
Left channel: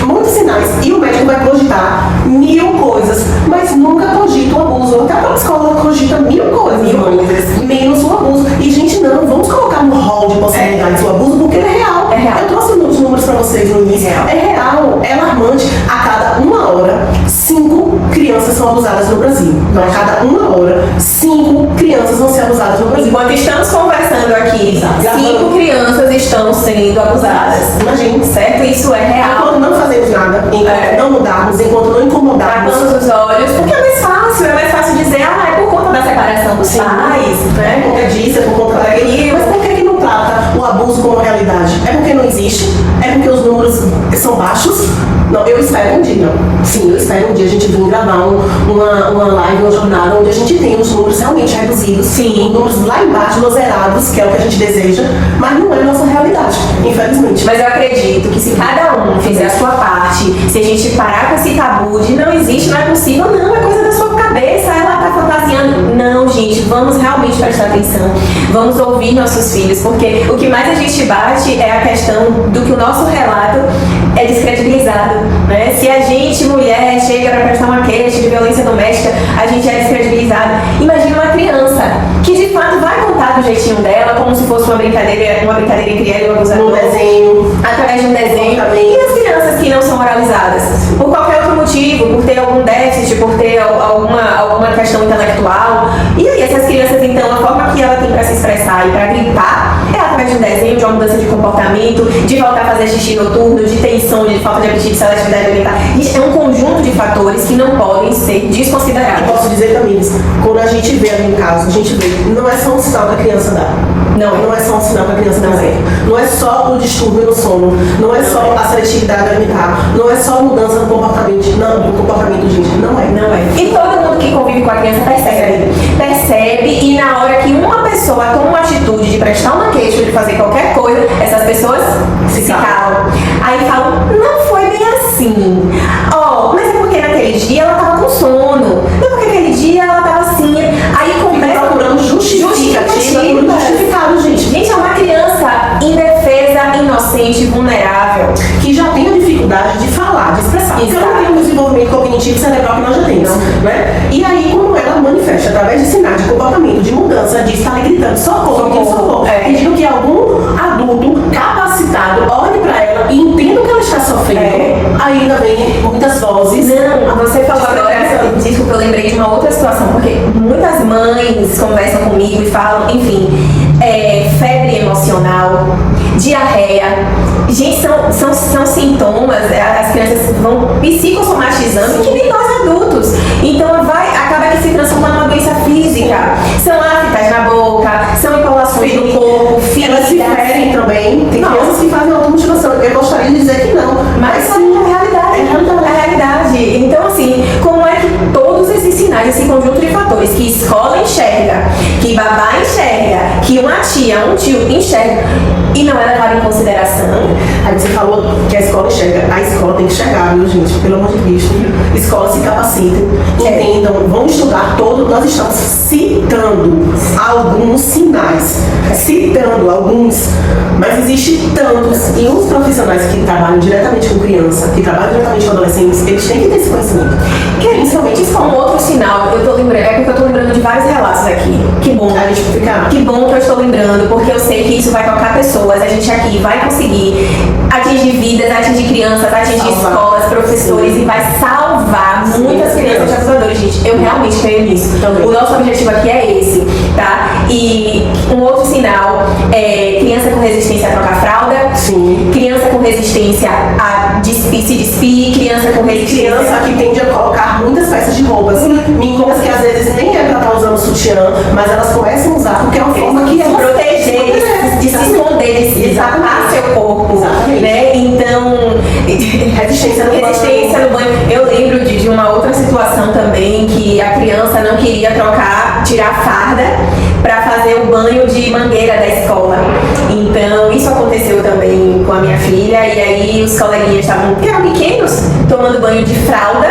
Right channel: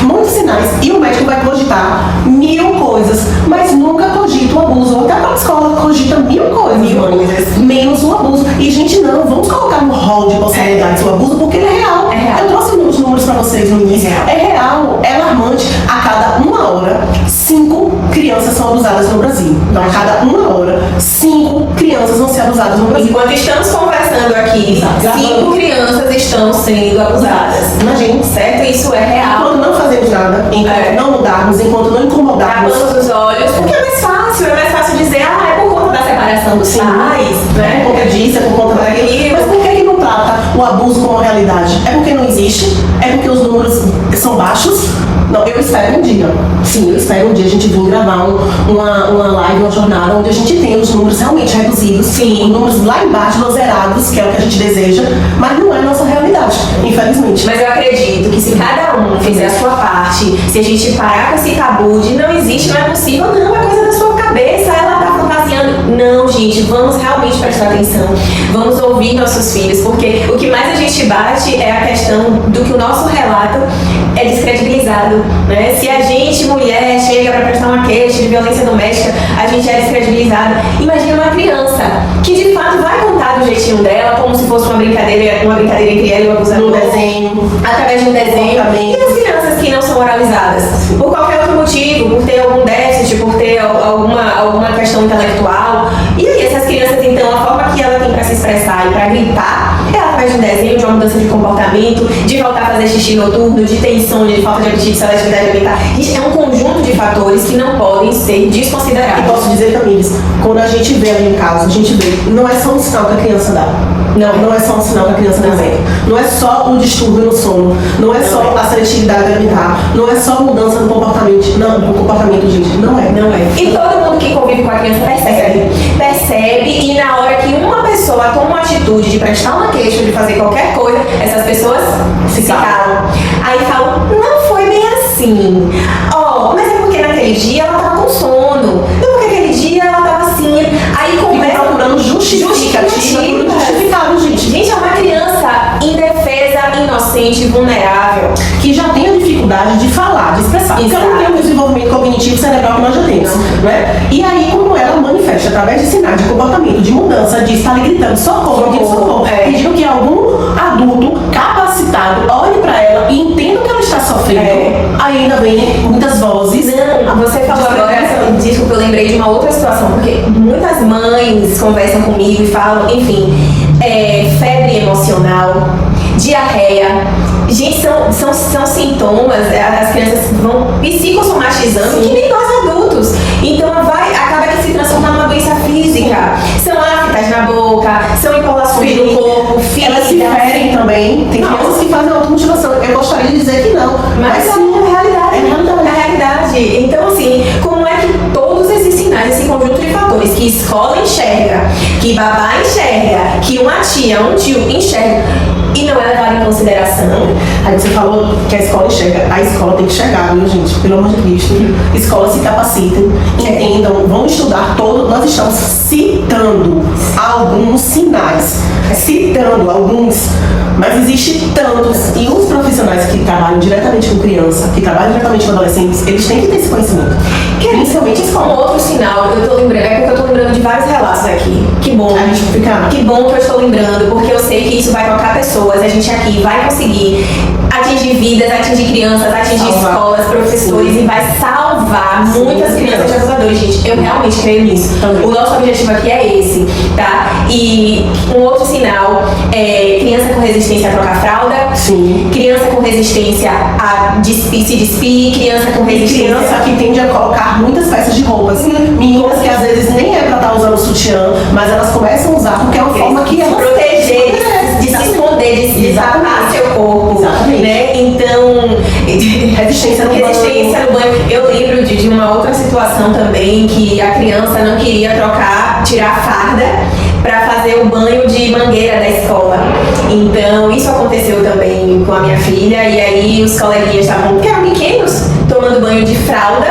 muitos sinais. E o médico vai cogitar 1000 coisas, mas nunca cogita o abuso. Até a escola cogita 1000 coisas, menos o abuso. E, gente, não, vamos colocar no hall de possibilidades o abuso, porque ele é real. Eu trouxe os números para vocês no início. É real, é alarmante. A cada 1 hora, 5 crianças são abusadas no Brasil. Então, a cada 1 hora, 5 crianças vão ser abusadas no Brasil. Enquanto estamos conversando aqui, 5 crianças estão sendo abusadas. Imagina. Certo? Isso é real. Enquanto não fazemos nada, enquanto não mudarmos, enquanto não incomodarmos. Tapamos os olhos, porque é mais fácil dizer, é por conta da separação dos pais, né? É porque disso, é por conta daquilo. Mas por que não trata o abuso como realidade? É porque não existe? É porque os números são baixos? Não, eu espero um dia. Sim, eu espero um dia a gente vir gravar uma live, uma jornada onde a gente tem os números realmente reduzidos. Sim. Os números lá embaixo, los zerados, que é o que a gente deseja, mas não é a nossa realidade, infelizmente. Mas eu acredito que se cada um fizer a sua parte, se a gente parar com esse tabu de não existe, não é possível, não, é coisa da sua cabeça, ela tá fantasiando. Não, gente, vamos realmente prestar atenção. Vamos ouvir nossos filhos, porque o que mais a gente bate é a questão do que o nosso relato é descredibilizado, né? Se a gente, mulher, chega para prestar uma queixa de violência doméstica, a gente é descredibilizada. Imagina uma criança que de fato vai contar do jeitinho dela, como se fosse uma brincadeira entre ela e o abusador. No desenho. Através de um desenho. E as crianças que não são oralizadas? Por qualquer outro motivo, por ter algum déficit, por ter alguma questão intelectual. E aí, essas crianças, então, a forma que ela tem para se expressar e para gritar é através de um desenho, de uma mudança de comportamento, de voltar a fazer xixi noturno, de ter insônia, de falta de apetite, seletividade alimentar. Isso é um conjunto de fatores que não podem ser desconsiderados. E posso dizer também, quando a gente vê ali no caso, a gente vê, não é só um sinal que a criança dá. Não é só um sinal que a criança dá certo. Não é só o distúrbio no sono, não é só a seletividade alimentar, não é só mudança no comportamento. Não, no comportamento, gente, não é. E todo mundo que convive com a criança percebe, e na hora que uma pessoa toma uma atitude de prestar uma queixa, de fazer qualquer coisa, essas pessoas se calam. Aí falam, não foi bem assim. Mas é porque naquele dia ela tava com sono. Não, porque aquele dia ela tava assim. Aí começa procurando justificado, gente. Gente, é uma criança indefesa, inocente, vulnerável, que já tem a dificuldade de falar, de expressar. Porque ela não tem um desenvolvimento cognitivo cerebral que nós já temos, né? E aí, como ela manifesta através de sinais de comportamento, de mudança, de estar ali gritando socorro, pedindo que algum adulto capacitado olhe para ela e entenda o que ela está sofrendo, mães conversam comigo e falam, enfim, febre emocional, diarreia. Gente, são sintomas, as crianças vão psicossomatizando que nem nós adultos. Então acaba que se transforma numa doença física. São aftas na boca, são empolações no corpo, elas se ferem também. Tem crianças que fazem automutilação. Eu gostaria de dizer que não. Mas é a realidade. É a realidade. Então, assim, como é que todos esses sinais, esse conjunto de fatores que escola enxerga, que babá enxerga, que uma tia, um tio enxerga e não é levado em consideração. Aí você falou que a escola enxerga. A escola tem que enxergar, viu, gente? Pelo amor de Cristo. Escolas se capacitem, entendam, vão estudar todo. Nós estamos citando alguns sinais, citando alguns, mas existem tantos. E os profissionais que trabalham diretamente com criança, que trabalham diretamente com adolescentes, eles têm que ter esse conhecimento. Principalmente com outro sinal, eu tô lembrando, é porque eu tô lembrando de vários relatos aqui. Que bom, a gente fica... Que bom que eu estou lembrando, porque eu sei que isso vai tocar pessoas. A gente aqui vai conseguir atingir vidas, atingir crianças, atingir escolas, professores. Sim. E vai salvar muitas crianças de abusadores, gente. Eu realmente creio nisso. Também. O nosso objetivo aqui é esse, tá? E um outro sinal é criança com resistência a trocar fralda. Sim. Criança com resistência a se despir, criança com resistência... Criança que tende a colocar muitas peças de roupas. Meninas que às vezes nem é pra estar usando sutiã, mas elas começam a usar porque é uma forma que se proteger, de se esconder, de tapar seu corpo. Exatamente. Né? Então, resistência no banho. Eu lembro de uma outra situação também que a criança não queria tirar a farda para fazer o banho de mangueira da escola. Então, isso aconteceu também com a minha filha, e aí os coleguinhas estavam, que eram pequenos, tomando banho de fralda,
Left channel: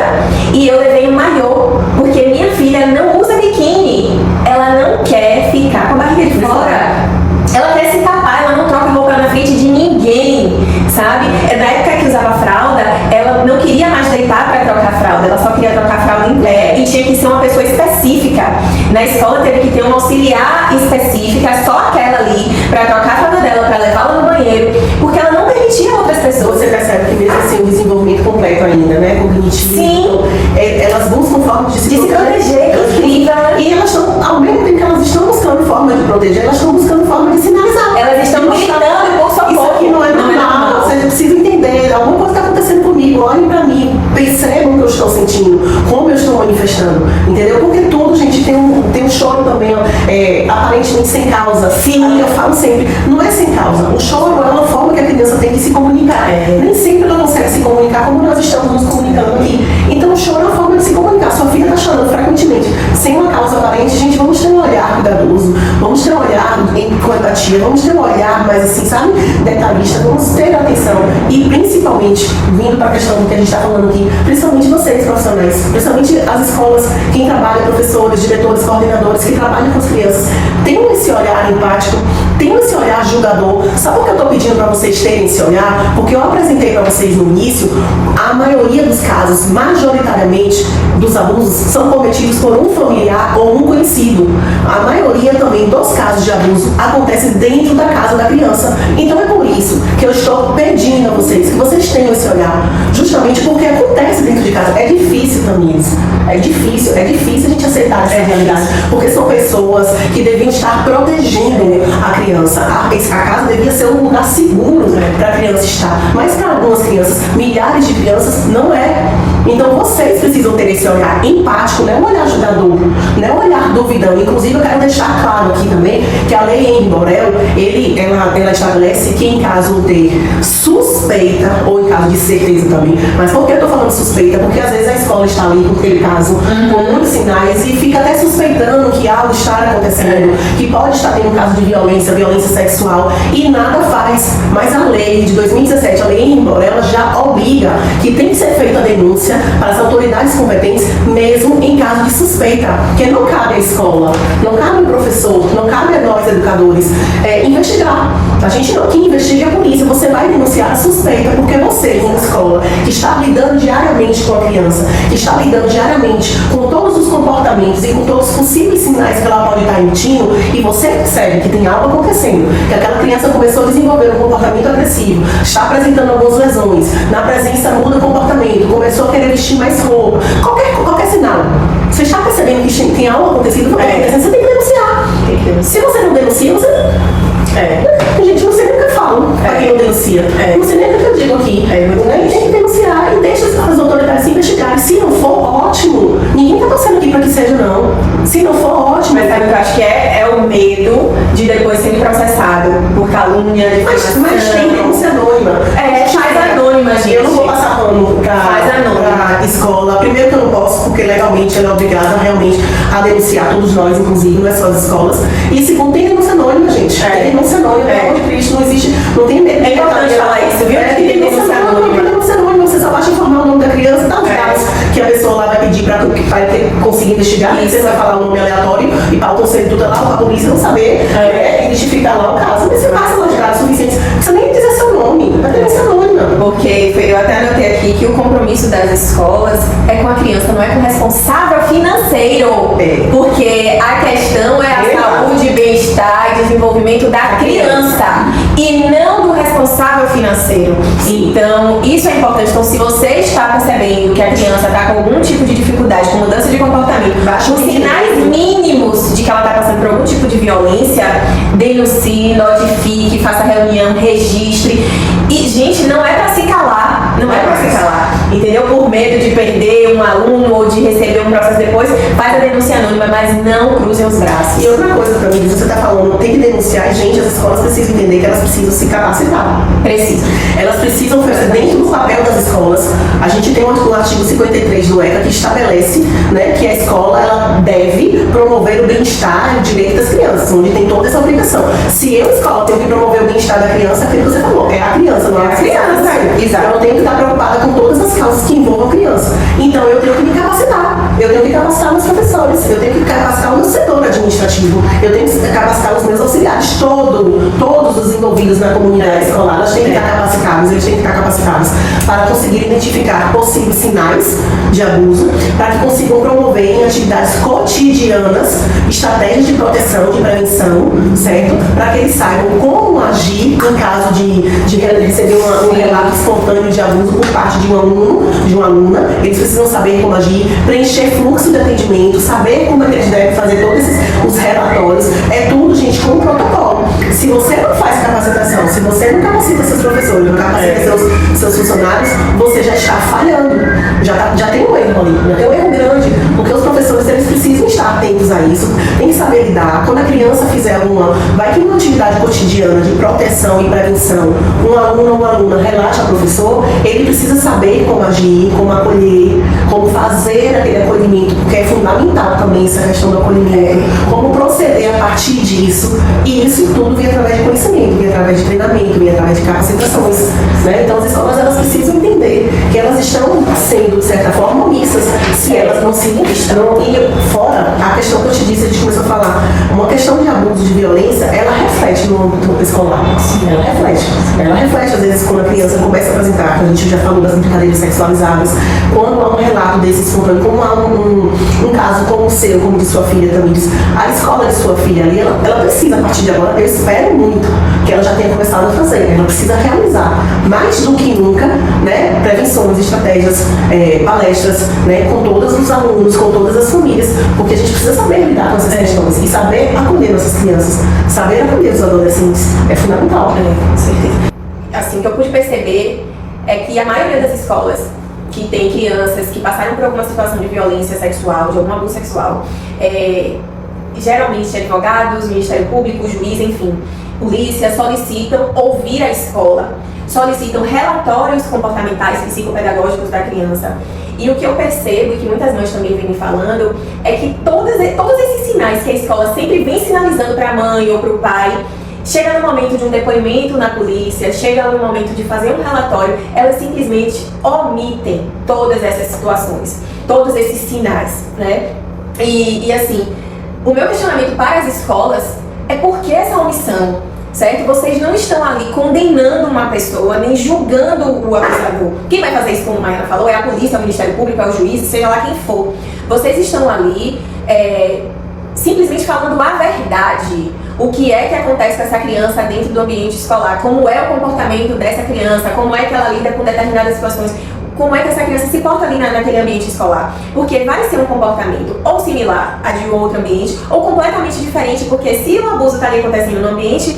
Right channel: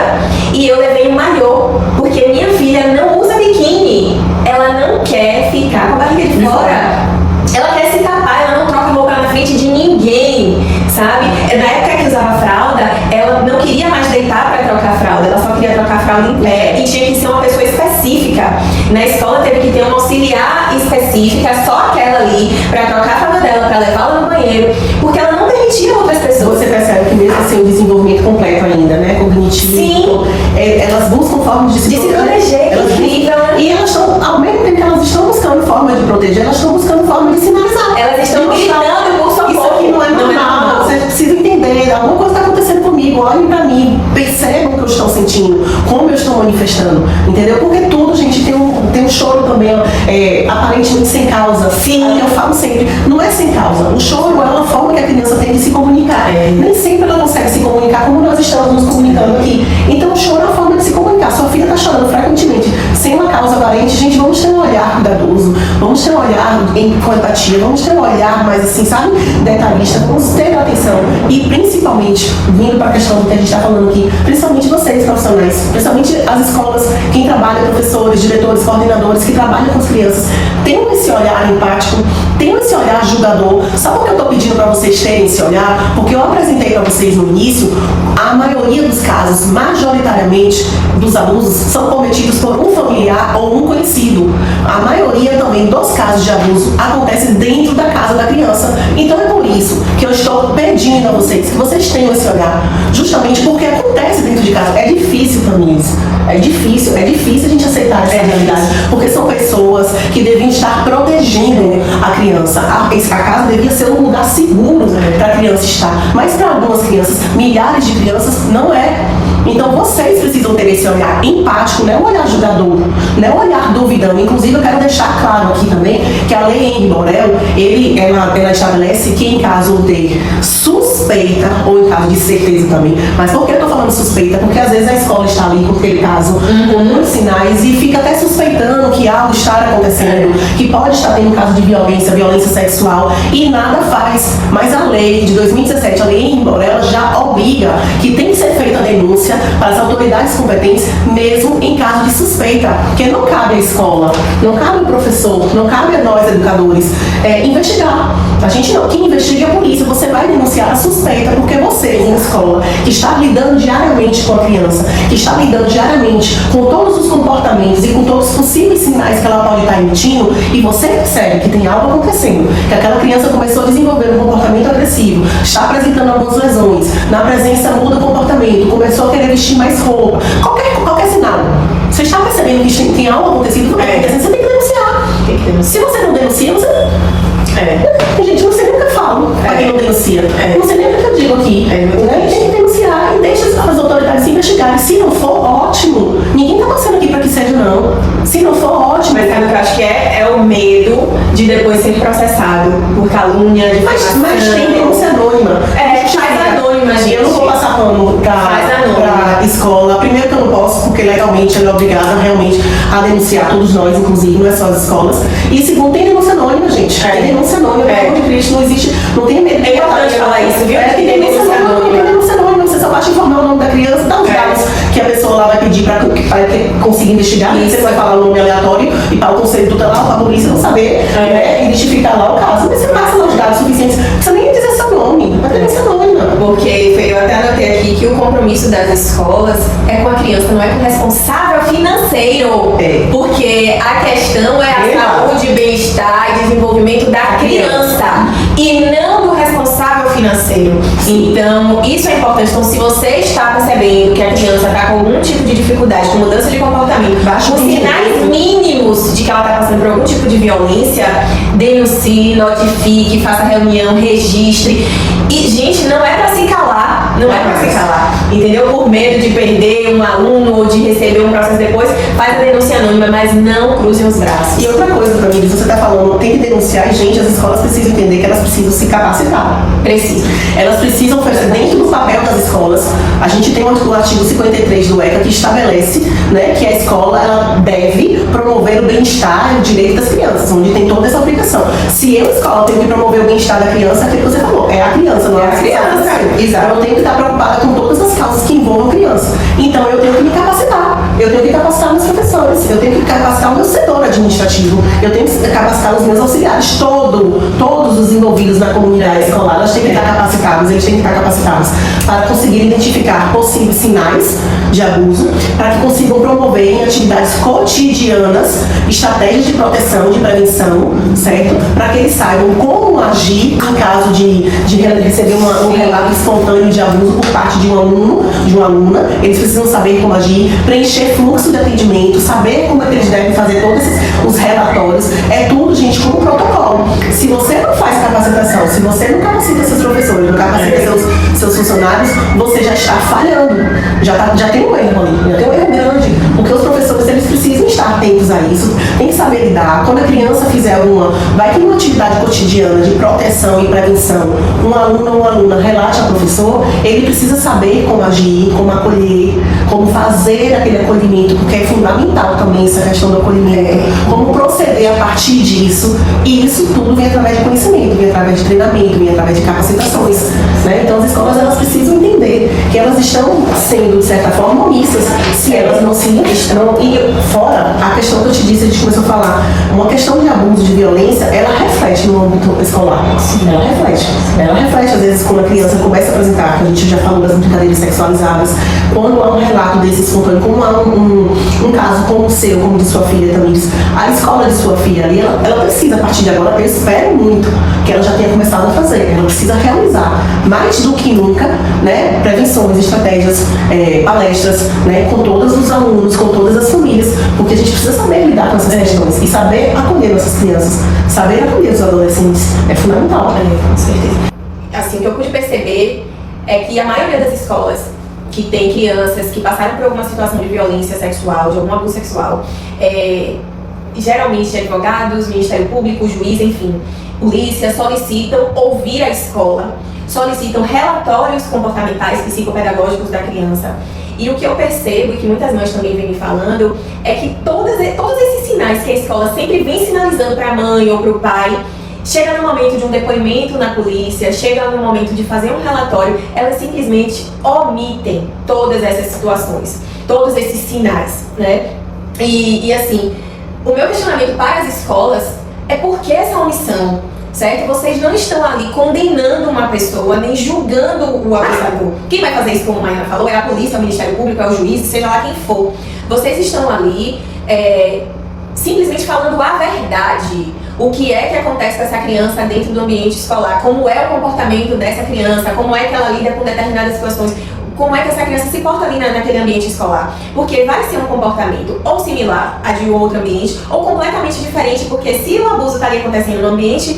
e eu levei um maiô, porque minha filha não usa biquíni, ela não quer ficar com a barriga de fora. Ela quer se tapar, ela não troca roupa na frente de ninguém, sabe? Na época que usava fralda, ela não queria mais deitar para trocar a fralda, ela só queria trocar a fralda em pé e tinha que ser uma pessoa específica. Na escola teve que ter uma auxiliar específica, só aquela ali, para trocar a fralda dela, para levá-la no banheiro, porque ela não permitia outras pessoas. Você percebe que mesmo assim o desenvolvimento completo ainda, né? Cognitivo. Sim. Elas buscam formas de se proteger, e elas estão, ao mesmo tempo que elas estão buscando forma de proteger, elas estão buscando forma de sinalizar. Elas estão gritando por socorro. Isso aqui não é normal. Você precisa entender, alguma coisa está acontecendo comigo, olhem pra mim, percebam o que eu estou sentindo, como eu estou manifestando, entendeu? Porque tudo, gente, tem um choro também, aparentemente sem causa. Sim. Eu falo sempre, não é sem causa. O choro é uma forma que a criança tem de se comunicar. Nem sempre ela consegue se comunicar como nós estamos nos comunicando aqui. Então o choro é uma forma de se comunicar. Sua filha está chorando frequentemente, sem uma causa aparente. Gente, vamos ter um olhar cuidadoso, vamos ter um olhar com empatia, vamos ter um olhar mais assim, sabe, detalhista, vamos ter atenção. E principalmente, vindo para a questão do que a gente está falando aqui, principalmente vocês profissionais, principalmente as escolas, quem trabalha, professores, diretores, coordenadores, que trabalham com as crianças, tenham esse olhar empático, tenham esse olhar julgador. Sabe por que eu estou pedindo para vocês terem esse olhar? Porque eu apresentei para vocês no início, a maioria dos casos, majoritariamente, dos abusos são cometidos por um familiar ou um conhecido. A maioria também dos casos de abuso acontece dentro da casa da criança. Então é por isso que eu estou pedindo a vocês que vocês tenham esse olhar, justamente porque acontece dentro de casa. É difícil para mim isso. É difícil a gente aceitar essa realidade, porque são pessoas que deviam estar protegendo a criança. A casa devia ser um lugar seguro para a criança estar, mas para algumas crianças, milhares de crianças, não é. Então vocês precisam ter esse olhar empático, não é um olhar julgador, não é um olhar duvidando. Inclusive eu quero deixar claro aqui também que a lei Henri Borel, ela estabelece que em caso de suspeita, ou em caso de certeza também, mas por que eu estou falando suspeita? Porque às vezes a escola está ali com aquele caso, com muitos sinais, e fica até suspeitando que algo está acontecendo, que pode estar tendo um caso de violência sexual, e nada faz. Mas a lei de 2017, a lei Henri Borel, ela já obriga que tem que ser feita a denúncia para as autoridades competentes, mesmo em caso de suspeita, porque não cabe à escola, não cabe ao professor, não cabe a nós educadores investigar. A gente não, quem investiga é a polícia. Você vai denunciar a suspeita porque você, como escola, que está lidando diariamente com a criança, que está lidando diariamente com todos os comportamentos e com todos os possíveis sinais que ela pode estar emitindo, e você percebe que tem algo acontecendo, que aquela criança começou a desenvolver um comportamento agressivo, está apresentando algumas lesões, na presença muda o comportamento, começou a querer vestir mais roupa, qualquer sinal. Você está percebendo que tem algo acontecido, você tem que denunciar. Se você não denuncia, você... Gente, você nunca fala pra quem não denuncia. Você nem nunca digo aqui. Tem que denunciar e deixa as autoridades investigarem. Se não for, ótimo. Ninguém tá torcendo aqui pra que seja, não. Se não for, ótimo. Mas sabe o que eu acho que é o medo de depois ser processado por calúnia, de Mas tem denúncia anônima. faz anônima, gente. Eu não vou passar pano pra escola. Primeiro que eu não posso, porque legalmente ela é obrigada realmente a denunciar todos nós, inclusive, não é só as escolas. E segundo, tem denúncia anônima, gente. Tem denúncia anônima, pelo amor de Cristo, não existe, não tem medo. É importante falar isso, viu? Tem denúncia anônima. Denúncia anônima, você só basta informar o nome da criança, dá os dados que a pessoa lá vai pedir para conseguir investigar. Você vai falar o nome aleatório e para o conselho tutelar, para a polícia não saber identificar lá o caso. Mas você passa lá os dados suficientes, não precisa nem dizer seu nome, vai ter denúncia anônima. Porque eu até anotei aqui que o compromisso das escolas é com a criança, não é com o responsável financeiro. Porque a questão é a saúde, bem-estar e desenvolvimento da criança e não do responsável financeiro. Então, isso é importante. Então, se você está percebendo que a criança está com algum tipo de dificuldade, com mudança de comportamento, com sinais mínimos de que ela está passando por algum tipo de violência, denuncie, notifique, faça reunião, registre. E, gente, não é pra se calar. Não é pra se calar. Entendeu? Por medo de perder um aluno ou de receber um processo depois, faz a denúncia anônima, mas não cruzem os braços. E outra coisa também, você está falando, tem que denunciar, gente, as escolas precisam entender que elas precisam se capacitar. Precisam. Elas precisam fazer dentro do papel das escolas. A gente tem o artigo 53 do ECA que estabelece, né, que a escola ela deve promover o bem-estar e o direito das crianças, onde tem toda essa obrigação. Se eu, escola, tenho que promover o bem-estar da criança, é aquilo que você falou, é a criança, não é a criança. Exato. Eu tenho que estar preocupada com todas as causas que envolvam a criança. Então eu tenho que me capacitar. Eu tenho que capacitar meus professores, eu tenho que capacitar o meu setor administrativo, eu tenho que capacitar os meus auxiliares, todos os envolvidos na comunidade escolar, eles têm que estar capacitados, eles têm que estar capacitados para conseguir identificar possíveis sinais de abuso, para que consigam promover em atividades cotidianas estratégias de proteção, de prevenção, certo? Para que eles saibam como agir em caso de receber um relato espontâneo de abuso por parte de um aluno, de uma aluna. Eles precisam saber como agir, preencher fluxo de atendimento, saber como é que eles devem fazer todos os relatórios. É tudo, gente, com um protocolo. Se você não faz capacitação, se você não capacita seus professores, não capacita seus funcionários, você já está falhando. Já tem um erro ali, já tem um erro grande. Porque os professores, eles precisam estar atentos a isso, tem que saber lidar. Quando a criança fizer vai ter uma atividade cotidiana de proteção e prevenção, um aluno ou uma aluna relate ao professor, ele precisa saber como agir, como acolher, como fazer aquele acolhimento, porque é fundamental também essa questão do acolhimento, como proceder a partir disso, e isso tudo vem através de conhecimento, vem através de treinamento, vem através de capacitações, né? Então as escolas, elas precisam entender que elas estão sendo, de certa forma, omissas, se elas não se estão, e fora a questão que eu te disse, a gente começou a falar, uma questão de abuso, de violência, ela reflete no âmbito escolar, ela reflete, às vezes, quando a criança começa a apresentar, que a gente já falou das brincadeiras sexualizadas, quando há um relato desse espontâneo, como há um caso como o seu, como de sua filha também, a escola de sua filha ali, ela precisa, a partir de agora, eu espero muito que ela já tenha começado a fazer, ela precisa realizar, mais do que nunca, né, prevenções, estratégias, palestras, né, com todos os alunos, com todas as famílias, porque a gente precisa saber lidar com essas questões e saber acolher nossas crianças, saber acolher os adolescentes, é fundamental. Com certeza. Assim, o que eu pude perceber é que a maioria das escolas que tem crianças que passaram por alguma situação de violência sexual, de algum abuso sexual, geralmente advogados, Ministério Público, juiz, enfim, polícia, solicitam ouvir a escola, solicitam relatórios comportamentais, psicopedagógicos da criança. E o que eu percebo, e que muitas mães também vêm me falando, é que todos esses sinais que a escola sempre vem sinalizando para a mãe ou para o pai, chega no momento de um depoimento na polícia, chega no momento de fazer um relatório, elas simplesmente omitem todas essas situações, todos esses sinais, né? E assim, o meu questionamento para as escolas é por que essa omissão, certo? Vocês não estão ali condenando uma pessoa, nem julgando o abusador. Quem vai fazer isso, como a Maiana falou, é a polícia, é o Ministério Público, é o juiz, seja lá quem for. Vocês estão ali simplesmente falando a verdade. O que é que acontece com essa criança dentro do ambiente escolar, como é o comportamento dessa criança, como é que ela lida com determinadas situações. como é que essa criança se porta ali naquele ambiente escolar. Porque vai ser um comportamento ou similar a de um outro ambiente, ou completamente diferente, porque se o abuso está ali acontecendo no ambiente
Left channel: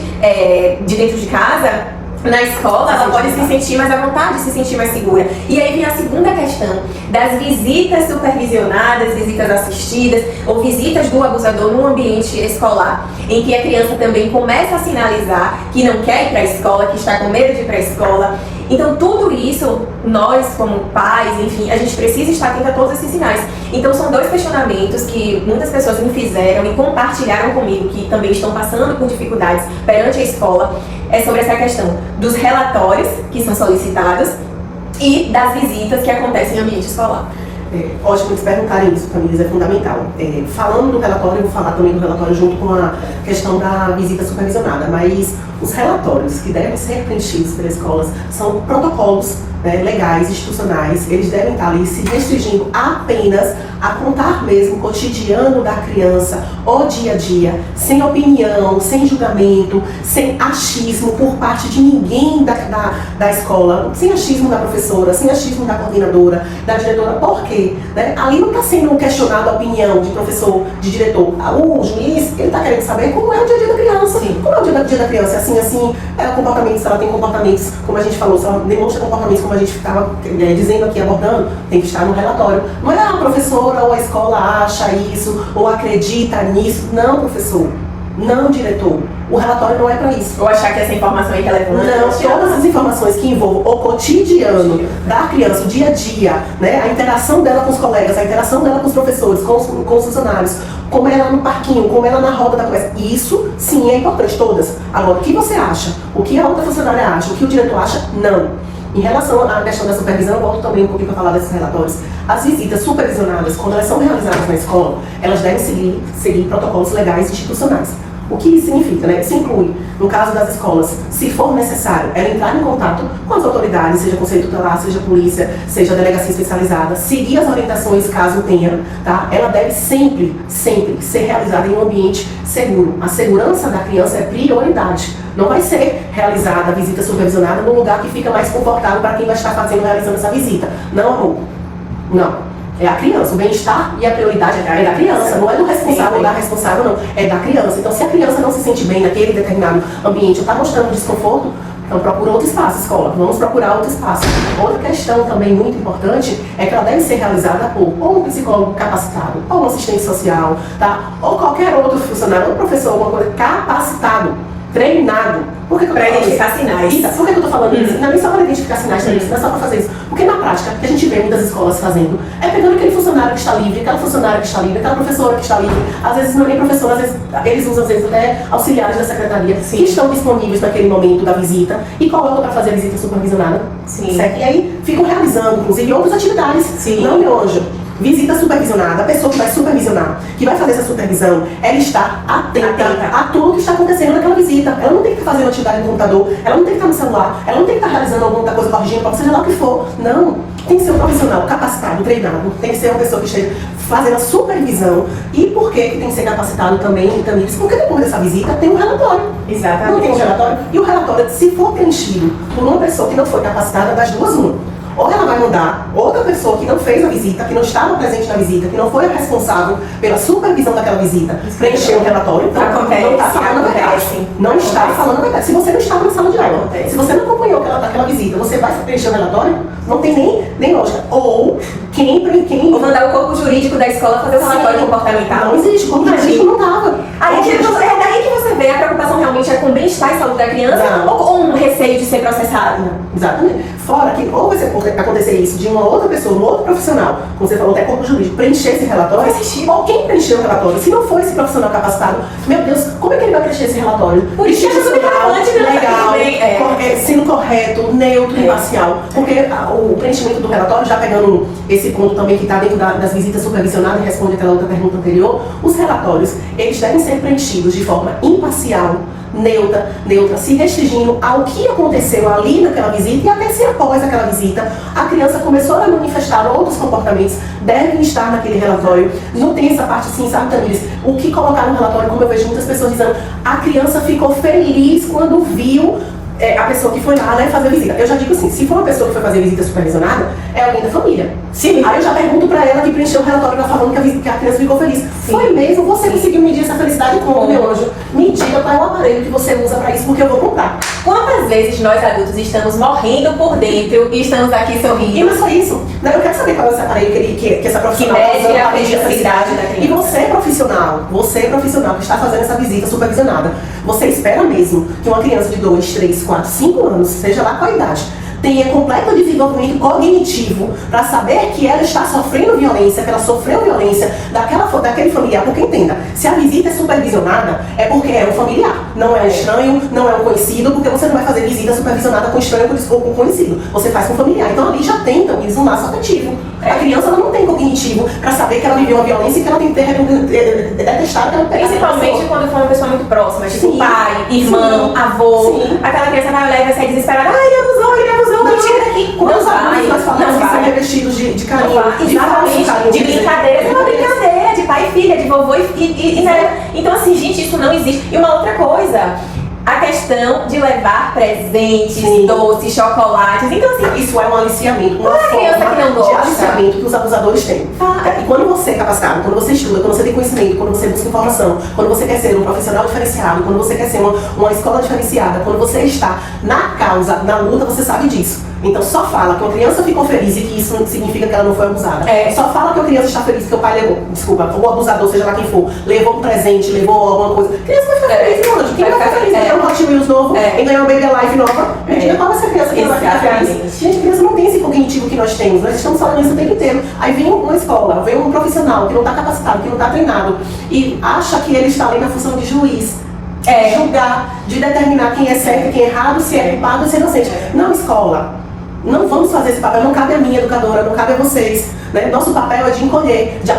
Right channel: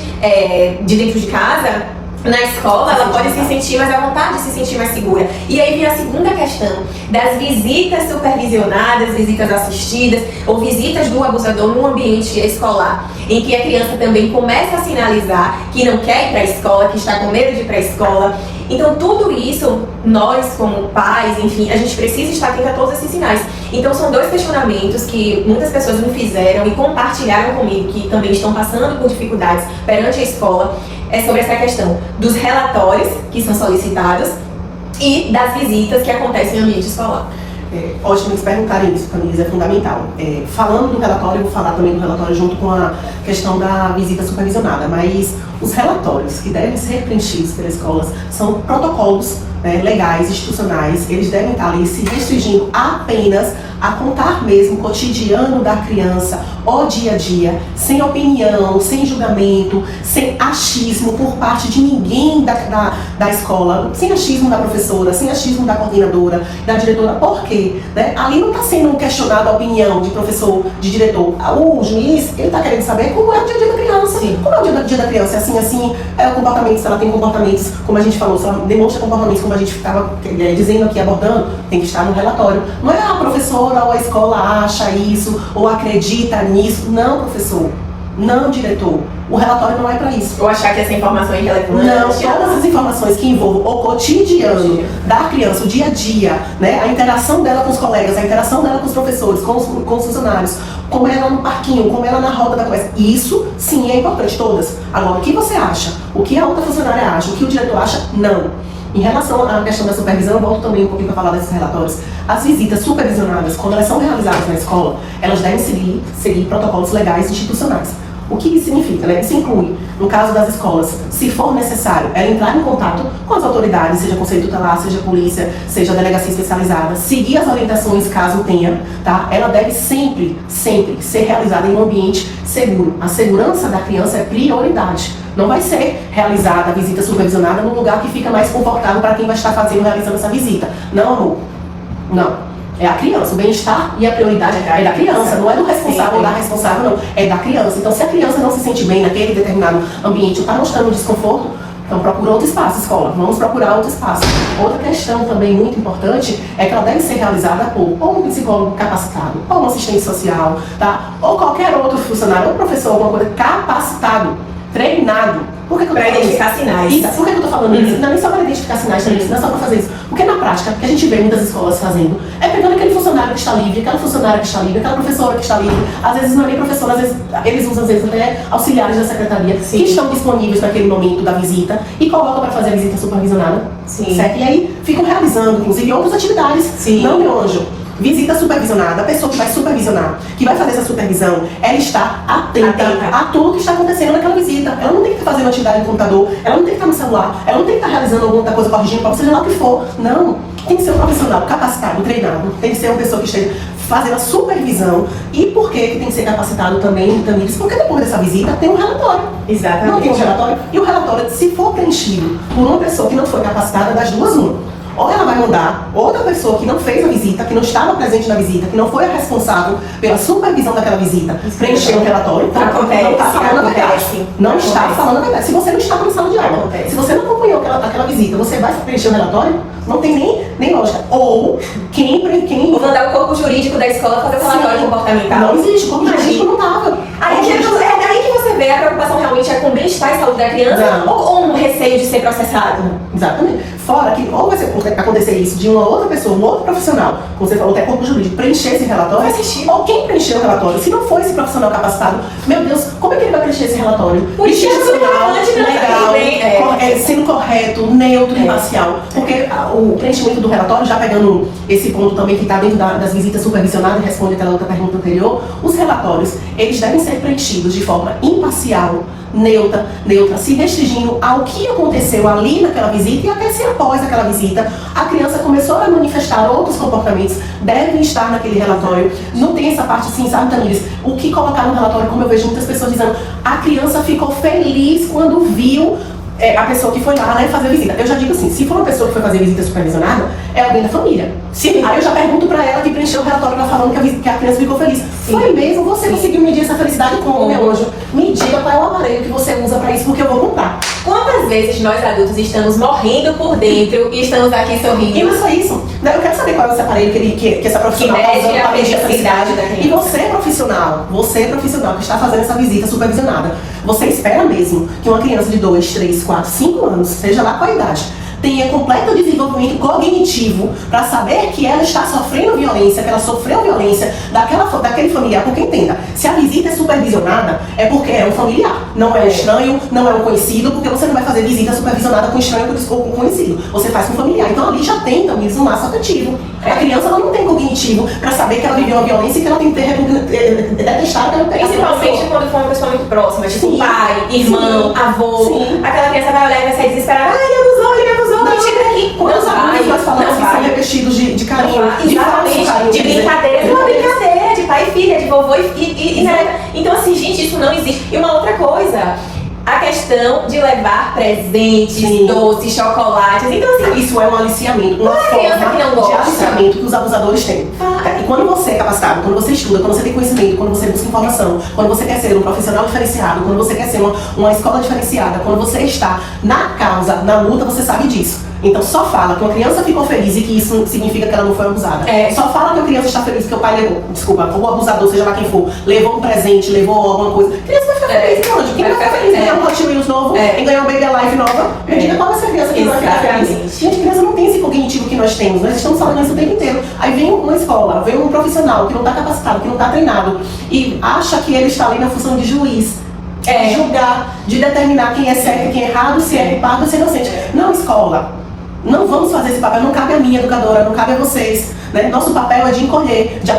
de dentro de casa, na escola, ela pode se sentir mais à vontade, se sentir mais segura. E aí vem a segunda questão das visitas supervisionadas, visitas assistidas ou visitas do abusador num ambiente escolar, em que a criança também começa a sinalizar que não quer ir para a escola, que está com medo de ir para a escola. Então tudo isso, nós como pais, enfim, a gente precisa estar atento a todos esses sinais. Então são dois questionamentos que muitas pessoas me fizeram e compartilharam comigo, que também estão passando por dificuldades perante a escola, sobre essa questão dos relatórios que são solicitados e das visitas que acontecem em ambiente escolar. Ótimo eles perguntarem isso, Camila, é fundamental. Falando do relatório, eu vou falar também do relatório junto com a questão da visita supervisionada, mas os relatórios que devem ser preenchidos pelas escolas são protocolos legais, institucionais. Eles devem estar ali se restringindo apenas a contar mesmo o cotidiano da criança, o dia a dia, sem opinião, sem julgamento, sem achismo por parte de ninguém da escola, sem achismo da professora, sem achismo da coordenadora, da diretora. Por quê? Ali não está sendo questionada a opinião de professor, de diretor. O juiz, ele está querendo saber como é o dia a dia da criança. Sim. Como é o dia a dia da criança? Assim, é o comportamento, se ela tem comportamentos, como a gente falou, se ela demonstra comportamentos como a gente ficava dizendo aqui, abordando, tem que estar no relatório. Não é a professora ou a escola acha isso, ou acredita nisso. Não, professor. Não, diretor. O relatório não é para isso. Ou achar que essa informação é irrelevante. Não, todas as informações que envolvam o cotidiano da criança, o dia a dia, a interação dela com os colegas, a interação dela com os professores, com os funcionários, como ela no parquinho, como ela na roda da conversa. Isso, sim, é importante, todas. Agora, o que você acha? O que a outra funcionária acha? O que o diretor acha? Não. Em relação à questão da supervisão, eu volto também um pouquinho para falar desses relatórios. As visitas supervisionadas, quando elas são realizadas na escola, elas devem seguir protocolos legais institucionais. O que isso significa? Isso inclui, no caso das escolas, se for necessário, ela entrar em contato com as autoridades, seja Conselho Tutelar, seja polícia, seja delegacia especializada, seguir as orientações caso tenha, tá? Ela deve sempre ser realizada em um ambiente seguro. A segurança da criança é prioridade. Não vai ser realizada a visita supervisionada num lugar que fica mais confortável para quem vai estar realizando essa visita. Não, amor. Não. É a criança, o bem-estar e a prioridade é da criança, não é do responsável ou da responsável, não. É da criança. Então, se a criança não se sente bem naquele determinado ambiente ou está mostrando desconforto, então procura outro espaço, escola. Vamos procurar outro espaço. Outra questão também muito importante é que ela deve ser realizada por ou um psicólogo capacitado, ou um assistente social, tá? Ou qualquer outro funcionário, ou professor, alguma coisa capacitado, treinado. Para identificar sinais. Isso. Por que eu estou falando isso? Não é nem só para identificar sinais, não é só para fazer isso. Porque na prática, o que a gente vê muitas escolas fazendo é pegando aquele funcionário que está livre, aquela funcionária que está livre, aquela professora que está livre. Às vezes não é nem professora, às vezes eles usam até auxiliares da secretaria. Sim. Que estão disponíveis naquele momento da visita e colocam para fazer a visita supervisionada. Sim. Certo? E aí ficam realizando, inclusive, outras atividades. Sim. Não, meu anjo. Visita supervisionada, a pessoa que vai supervisionar, que vai fazer essa supervisão, ela está atenta a tudo que está acontecendo naquela visita. Ela não tem que estar fazendo atividade no computador, ela não tem que estar no celular, ela não tem que estar realizando alguma coisa corrigindo, seja lá o que for. Não. Tem que ser um profissional capacitado, treinado, tem que ser uma pessoa que esteja fazendo a supervisão. E por que tem que ser capacitado também, porque depois dessa visita tem um relatório. Exatamente. Não tem um relatório? E o relatório, se for preenchido por uma pessoa que não foi capacitada, das duas, uma. Ou ela vai mandar outra pessoa que não fez a visita, que não estava presente na visita, que não foi a responsável pela supervisão daquela visita, preencher um relatório. Acontece, não está falando a verdade. Não está falando a verdade. Se você não estava na sala de aula, se você não acompanhou aquela visita, você vai preencher o relatório? Não tem nem lógica. Ou quem... Ou mandar o corpo jurídico da escola fazer o relatório comportamental. Não existe. O corpo jurídico não estava. É daí que você vê a preocupação realmente é com o bem-estar e saúde da criança ou um receio de ser processado. Exatamente. Fora que ou vai acontecer isso de uma outra pessoa, um outro profissional, como você falou, até corpo jurídico, preencher esse relatório, ou quem preencheu o relatório, se não for esse profissional capacitado, meu Deus, como é que ele vai preencher esse relatório? Por isso que legal, sendo correto, neutro e imparcial. Porque o preenchimento do relatório, já pegando esse ponto também que está dentro das visitas supervisionadas, e responde até a outra pergunta anterior, os relatórios, eles devem ser preenchidos de forma imparcial, neutra, se restringindo ao que aconteceu ali naquela visita e até se após aquela visita a criança começou a manifestar outros comportamentos, devem estar naquele relatório. Não tem essa parte assim, sabe, Tamires? O que colocar no relatório, como eu vejo muitas pessoas dizendo, a criança ficou feliz quando viu a pessoa que foi lá, né, fazer visita. Eu já digo assim, se for uma pessoa que foi fazer visita supervisionada, é alguém da família. Sim. Aí eu já pergunto pra ela que preencheu o relatório lá falando que a criança ficou feliz. Sim. Foi mesmo? Você conseguiu medir essa felicidade como, meu anjo? Me diga qual é o aparelho que você usa pra isso, porque eu vou comprar. Quantas vezes nós adultos estamos morrendo por dentro e estamos aqui sorrindo? E não é só isso, né? Eu quero saber qual é esse aparelho que essa profissional que mede a felicidade da criança. E você profissional que está fazendo essa visita supervisionada, você espera mesmo que uma criança de 2, 3, 4, 5 anos, seja lá qual a idade, tenha completo desenvolvimento cognitivo para saber que ela está sofrendo violência, que ela sofreu violência daquele familiar, porque entenda, se a visita é supervisionada, é porque é um familiar, não é um estranho, não é um conhecido, porque você não vai fazer visita supervisionada com estranho ou com conhecido, você faz com familiar, então ali já tem também um laço afetivo. A criança ela não tem cognitivo para saber que ela viveu uma violência e que ela tem que detestar aquela pessoa. Principalmente quando for uma pessoa muito próxima, tipo Sim. pai, irmão, avô, Sim. aquela criança vai olhar e vai sair desesperada, ai, ele me abusou, me tira daqui. Quantos adultos nós falamos que são revestidos de carinho, Exatamente, de brincadeira, uma brincadeira, de pai e filha, de vovô e né? Então assim, gente, isso não existe. E uma outra coisa, a questão de levar presentes, Sim. doces, chocolates. Então assim, isso é um aliciamento, uma Qual é a criança forma que não de gosta? aliciamento que os abusadores têm. E quando você é capacitado, quando você estuda, quando você tem conhecimento, quando você busca informação, quando você quer ser um profissional diferenciado, quando você quer ser uma escola diferenciada, quando você está na causa, na luta, você sabe disso. Então só fala que uma criança ficou feliz e que isso não significa que ela não foi abusada. Só fala que a criança está feliz que o pai levou, desculpa, o abusador, seja lá quem for, levou um presente, levou alguma coisa. A criança vai ficar feliz, meu anjo. Quem vai ficar feliz em ganhar um Hot Wheels novo, em ganhar um Baby Alive nova? Me diga qual é essa criança que vai ficar feliz. Gente, a criança não tem esse cognitivo que nós temos, nós estamos falando isso o tempo inteiro. Aí vem uma escola, vem um profissional que não está capacitado, que não está treinado e acha que ele está ali na função de juiz. De julgar, de determinar quem é certo e quem é errado, se é culpado ou se é inocente. Não, escola. Não vamos fazer esse papel, não cabe a mim, educadora, não cabe a vocês. Né? Nosso papel é de acolher, de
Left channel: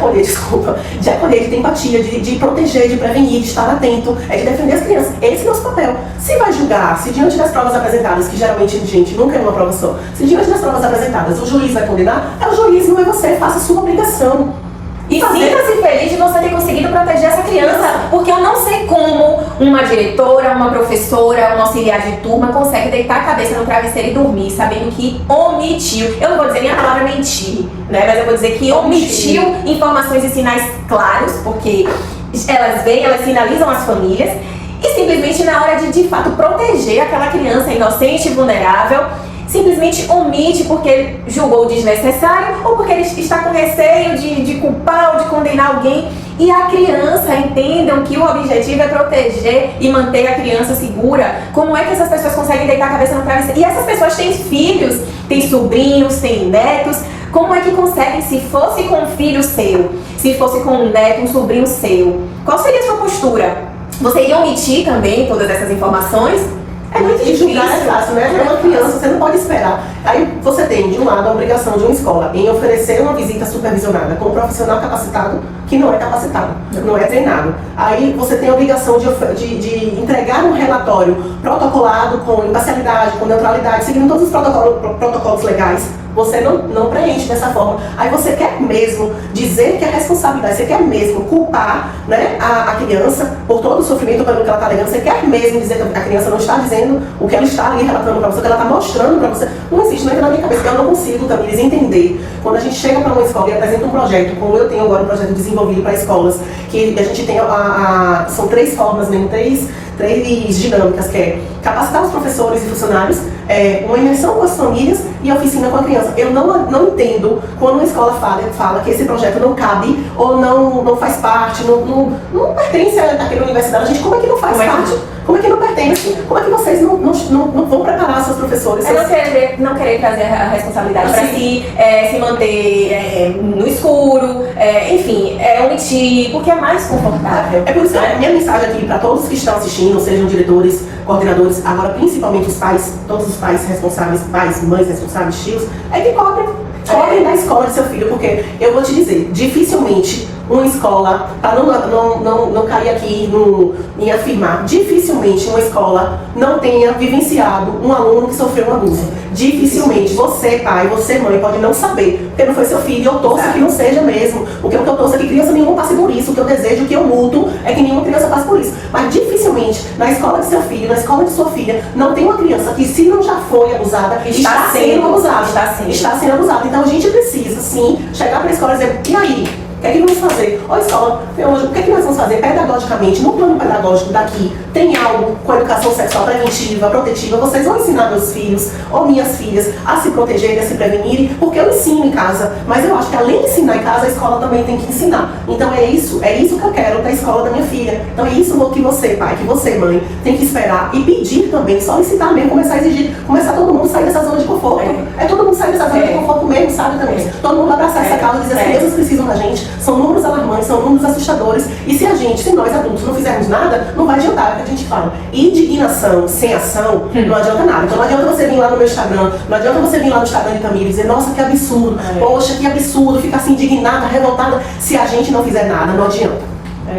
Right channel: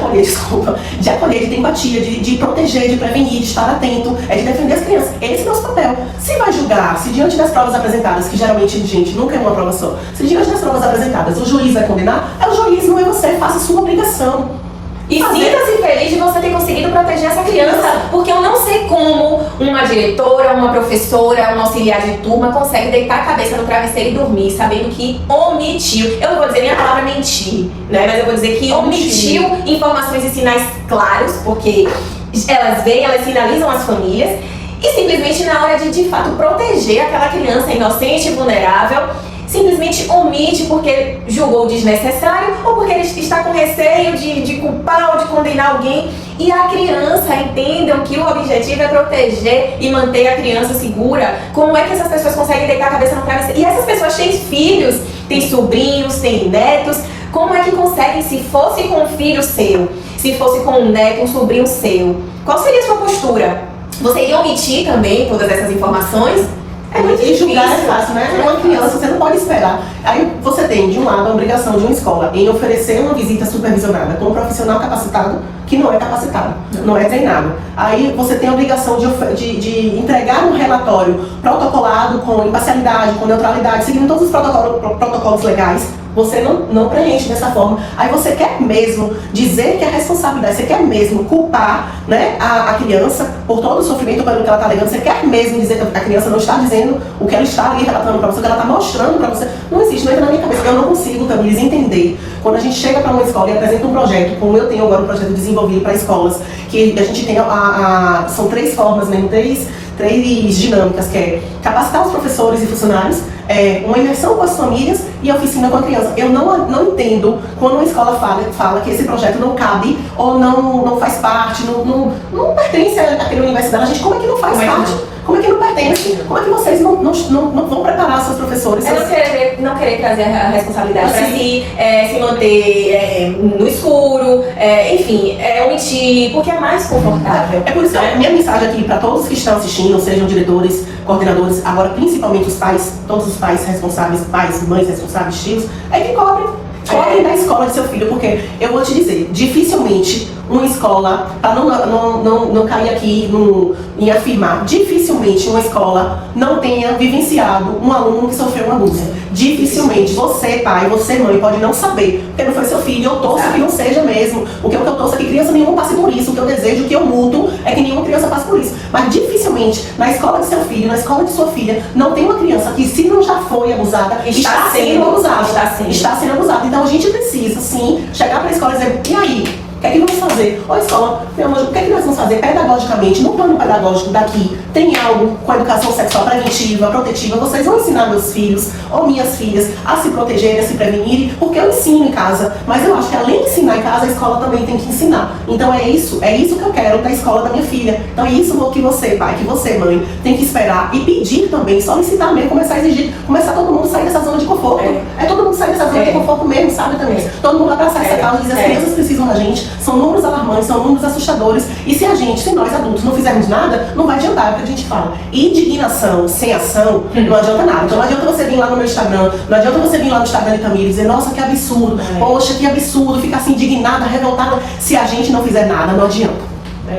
ter empatia, de proteger, de prevenir, de estar atento, é de defender as crianças. Esse é o nosso papel. Se vai julgar, se diante das provas apresentadas, que geralmente, gente, nunca é uma prova só, se diante das provas apresentadas o juiz vai condenar, é o juiz, não é você, faça a sua obrigação. E sinta-se feliz de você ter conseguido proteger essa criança, porque eu não sei como uma diretora, uma professora, um auxiliar de turma consegue deitar a cabeça no travesseiro e dormir, sabendo que omitiu, eu não vou dizer nem a palavra mentir, né, mas eu vou dizer que omitiu informações e sinais claros, porque elas veem, elas sinalizam às famílias, e simplesmente na hora de fato proteger aquela criança inocente e vulnerável, simplesmente omite porque julgou desnecessário ou porque ele está com receio de culpar ou de condenar alguém. E a criança entendam que o objetivo é proteger e manter a criança segura. Como é que essas pessoas conseguem deitar a cabeça no travesseiro? E essas pessoas têm filhos, têm sobrinhos, têm netos. Como é que conseguem, se fosse com um filho seu, se fosse com um neto, um sobrinho seu? Qual seria a sua postura? Você iria omitir também todas essas informações? É muito difícil. Julgar é fácil, né? É uma criança, você não pode esperar. Aí você tem, de um lado, a obrigação de uma escola em oferecer uma visita supervisionada com um profissional capacitado que não é capacitado, não é treinado. Aí você tem a obrigação de entregar um relatório protocolado com imparcialidade, com neutralidade, seguindo todos os protocolos legais. Você não preenche dessa forma. Aí você quer mesmo dizer que a responsabilidade, você quer mesmo culpar, né, a criança por todo o sofrimento pelo que ela está alegando, você quer mesmo dizer que a criança não está dizendo o que ela está ali relatando para você, o que ela está mostrando para você. Não existe, não entra na minha cabeça. Eu não consigo, Tamires, entender. Quando a gente chega para uma escola e apresenta um projeto, como eu tenho agora um projeto desenvolvido para escolas, que a gente tem são 3 formas, mesmo, três dinâmicas, que é capacitar os professores e funcionários, uma imersão com as famílias e a oficina com a criança. Eu não entendo quando uma escola fala que esse projeto não cabe ou não faz parte, não pertence àquela universidade. A gente, como é que não faz parte? Como é que não pertence? Como é que vocês não vão preparar seus professores? Não querer trazer a responsabilidade para si, se manter no escuro, enfim, omitir, porque é mais confortável. É por isso que a minha mensagem aqui para todos que estão assistindo, sejam diretores, coordenadores, agora principalmente os pais, todos os pais responsáveis, pais, mães responsáveis, tios, é que cobrem. Cobre da escola de seu filho, porque eu vou te dizer, dificilmente uma escola, para não cair aqui em afirmar, dificilmente uma escola não tenha vivenciado um aluno que sofreu um abuso. Dificilmente. Você, pai, você, mãe, pode não saber, porque não foi seu filho. Eu torço que não seja mesmo. O que eu torço é que criança nenhuma passe por isso. O que eu desejo, o que eu luto, é que nenhuma criança passe por isso. Mas dificilmente, na escola de seu filho, na escola de sua filha, não tem uma criança que, se não já foi abusada, está sendo abusada. Está sendo abusada. Então a gente precisa, sim, chegar para a escola e dizer, e aí? O que é que nós vamos fazer? Ô escola, meu anjo, o que é que nós vamos fazer pedagogicamente, no plano pedagógico daqui? Tem algo com educação sexual preventiva, protetiva? Vocês vão ensinar meus filhos ou minhas filhas a se protegerem, a se prevenirem? Porque eu ensino em casa, mas eu acho que além de ensinar em casa, a escola também tem que ensinar. Então é isso que eu quero da escola da minha filha. Então é isso que você, pai, que você, mãe, tem que esperar e pedir também, solicitar mesmo, começar a exigir, começar todo mundo a sair dessa zona de conforto. É todo mundo sair dessa zona de conforto mesmo, sabe, também? Todo mundo abraçar essa causa e dizer, as crianças precisam da gente. São números alarmantes, são números assustadores. E se nós adultos não fizermos nada, não vai adiantar, é o que a gente fala. Indignação sem ação não adianta nada. Então não adianta você vir lá no meu Instagram, não adianta você vir lá no Instagram de Camila e dizer, nossa, que absurdo, poxa, que absurdo, ficar assim indignada, revoltada, se a gente não fizer nada, não adianta.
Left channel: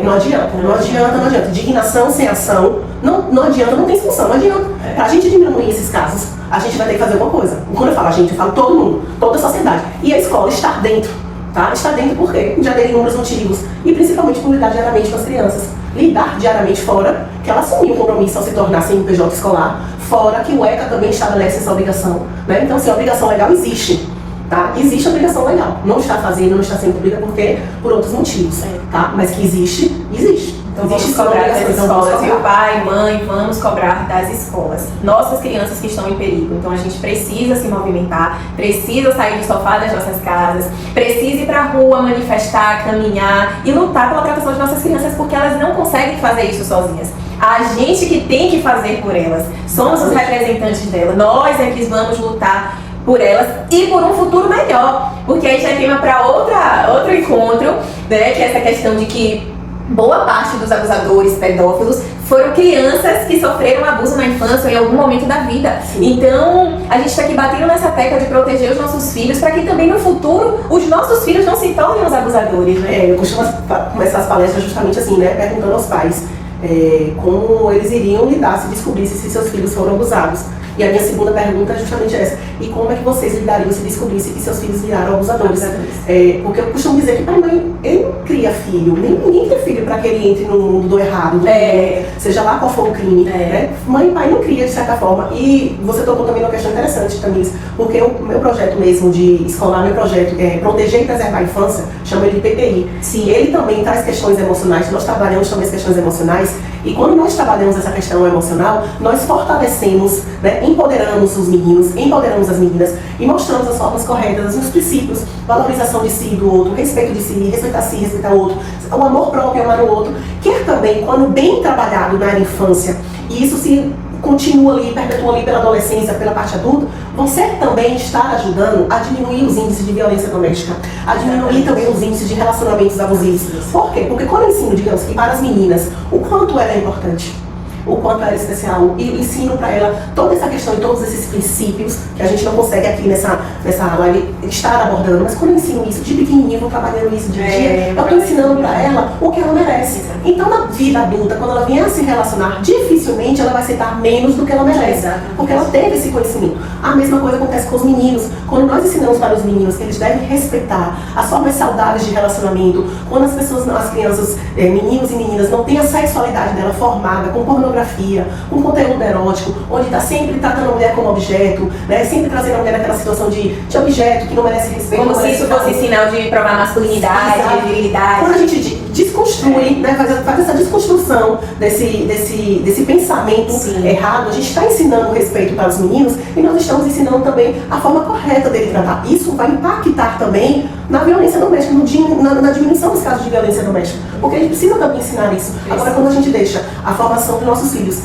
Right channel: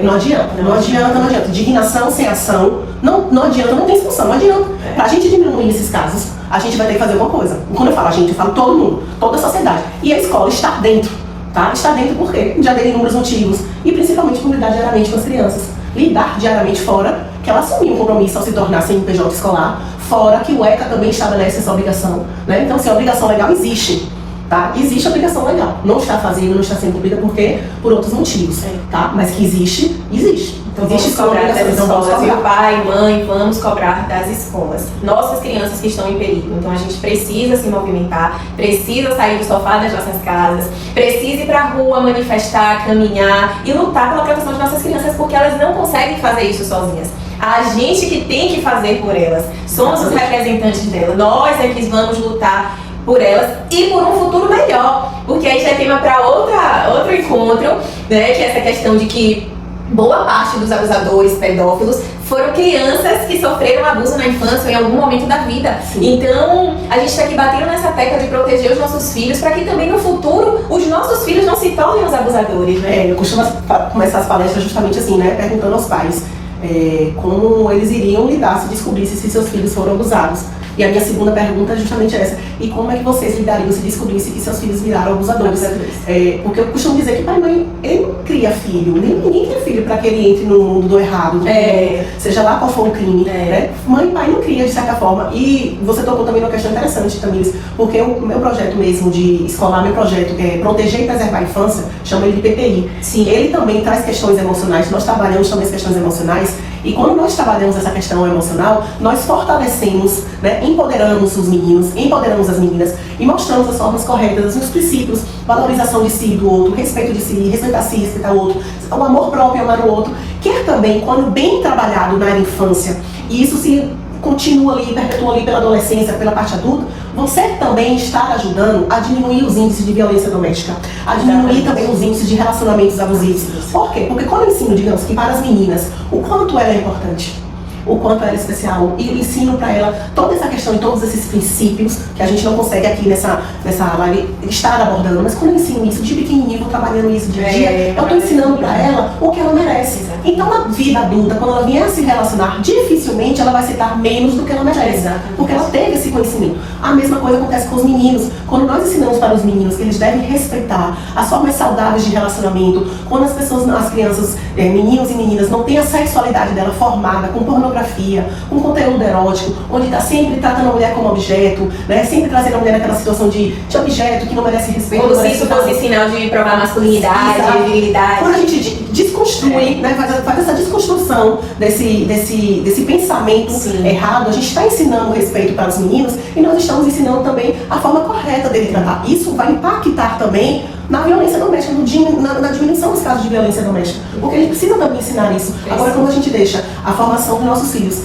Não adianta. Indignação sem ação, não adianta, não tem solução, não adianta. Pra gente diminuir esses casos, a gente vai ter que fazer alguma coisa. E quando eu falo a gente, eu falo todo mundo, toda a sociedade. E a escola estar dentro. Tá? Está dentro porque já dei inúmeros motivos. E principalmente por lidar diariamente com as crianças. Lidar diariamente fora, que ela assumiu um compromisso ao se tornar CNPJ escolar, fora que o ECA também estabelece essa obrigação. Né? Então, se a obrigação legal existe, tá? Existe a obrigação legal. Não está fazendo, não está sendo cumprida porque por outros motivos. Tá? Mas que existe, existe. Então vamos cobrar das escolas, viu? Pai, mãe, vamos cobrar das escolas. Nossas crianças que estão em perigo. Então a gente precisa se movimentar, precisa sair do sofá das nossas casas, precisa ir pra rua, manifestar, caminhar e lutar pela proteção de nossas crianças, porque elas não conseguem fazer isso sozinhas. A gente que tem que fazer por elas. Somos os representantes delas. Nós é que vamos lutar por elas e por um futuro melhor. Porque aí já é tema para outro encontro, né? Que é essa questão de que boa parte dos abusadores pedófilos foram crianças que sofreram abuso na infância ou em algum momento da vida. Sim. Então, a gente está aqui batendo nessa tecla de proteger os nossos filhos para que também no futuro os nossos filhos não se tornem os abusadores, né? Eu costumo começar as palestras justamente assim, né? Perguntando aos pais como eles iriam lidar se descobrissem se seus filhos foram abusados. E a minha segunda pergunta é justamente essa. E como é que vocês lidariam se descobrissem que seus filhos viraram abusadores? Porque eu costumo dizer que pai e mãe, ele não cria filho. Ninguém cria filho para que ele entre no mundo do errado, seja lá qual for o crime. Né? Mãe e pai não cria de certa forma. E você tocou também uma questão interessante, Tamires, porque o meu projeto mesmo de escolar, meu projeto é Proteger e Preservar a Infância, chama ele de PPI. Sim, ele também traz questões emocionais, nós trabalhamos também as questões emocionais. E quando nós trabalhamos essa questão emocional, nós fortalecemos, né, empoderamos os meninos, empoderamos as meninas e mostramos as formas corretas, os princípios, valorização de si e do outro, respeito de si, respeitar si, respeitar o outro, o amor próprio, amar o outro, que é também, quando bem trabalhado na infância, e isso se continua ali, perpetua ali pela adolescência, pela parte adulta, você também está ajudando a diminuir os índices de violência doméstica, a diminuir também os índices de relacionamentos abusivos. Por quê? Porque quando eu ensino, digamos que para as meninas, o quanto ela é importante, o quanto ela é especial, e ensino para ela toda essa questão e todos esses princípios que a gente não consegue aqui nessa live estar abordando, mas quando eu ensino isso de pequenininho, vou trabalhando isso dia a dia, eu estou ensinando para ela o que ela merece. Então, na vida adulta, quando ela vier a se relacionar, dificilmente ela vai aceitar menos do que ela merece, porque ela teve esse conhecimento. A mesma coisa acontece com os meninos. Quando nós ensinamos para os meninos que eles devem respeitar as formas saudáveis de relacionamento, quando as crianças, meninos e meninas, não têm a sexualidade dela formada com pornografia, com conteúdo erótico, onde está sempre tratando a mulher como objeto, né? Sempre trazendo a mulher naquela situação de objeto que não merece respeito. Como se isso fosse sinal de provar masculinidade, virilidade. Quando a gente desconstrui, né, faz essa desconstrução desse pensamento errado, a gente está ensinando o respeito para os meninos e nós estamos ensinando também a forma correta dele tratar. Isso vai impactar também na violência doméstica, na diminuição dos casos de violência doméstica. porque a gente precisa também ensinar isso. Agora, quando a gente deixa a formação dos nossos filhos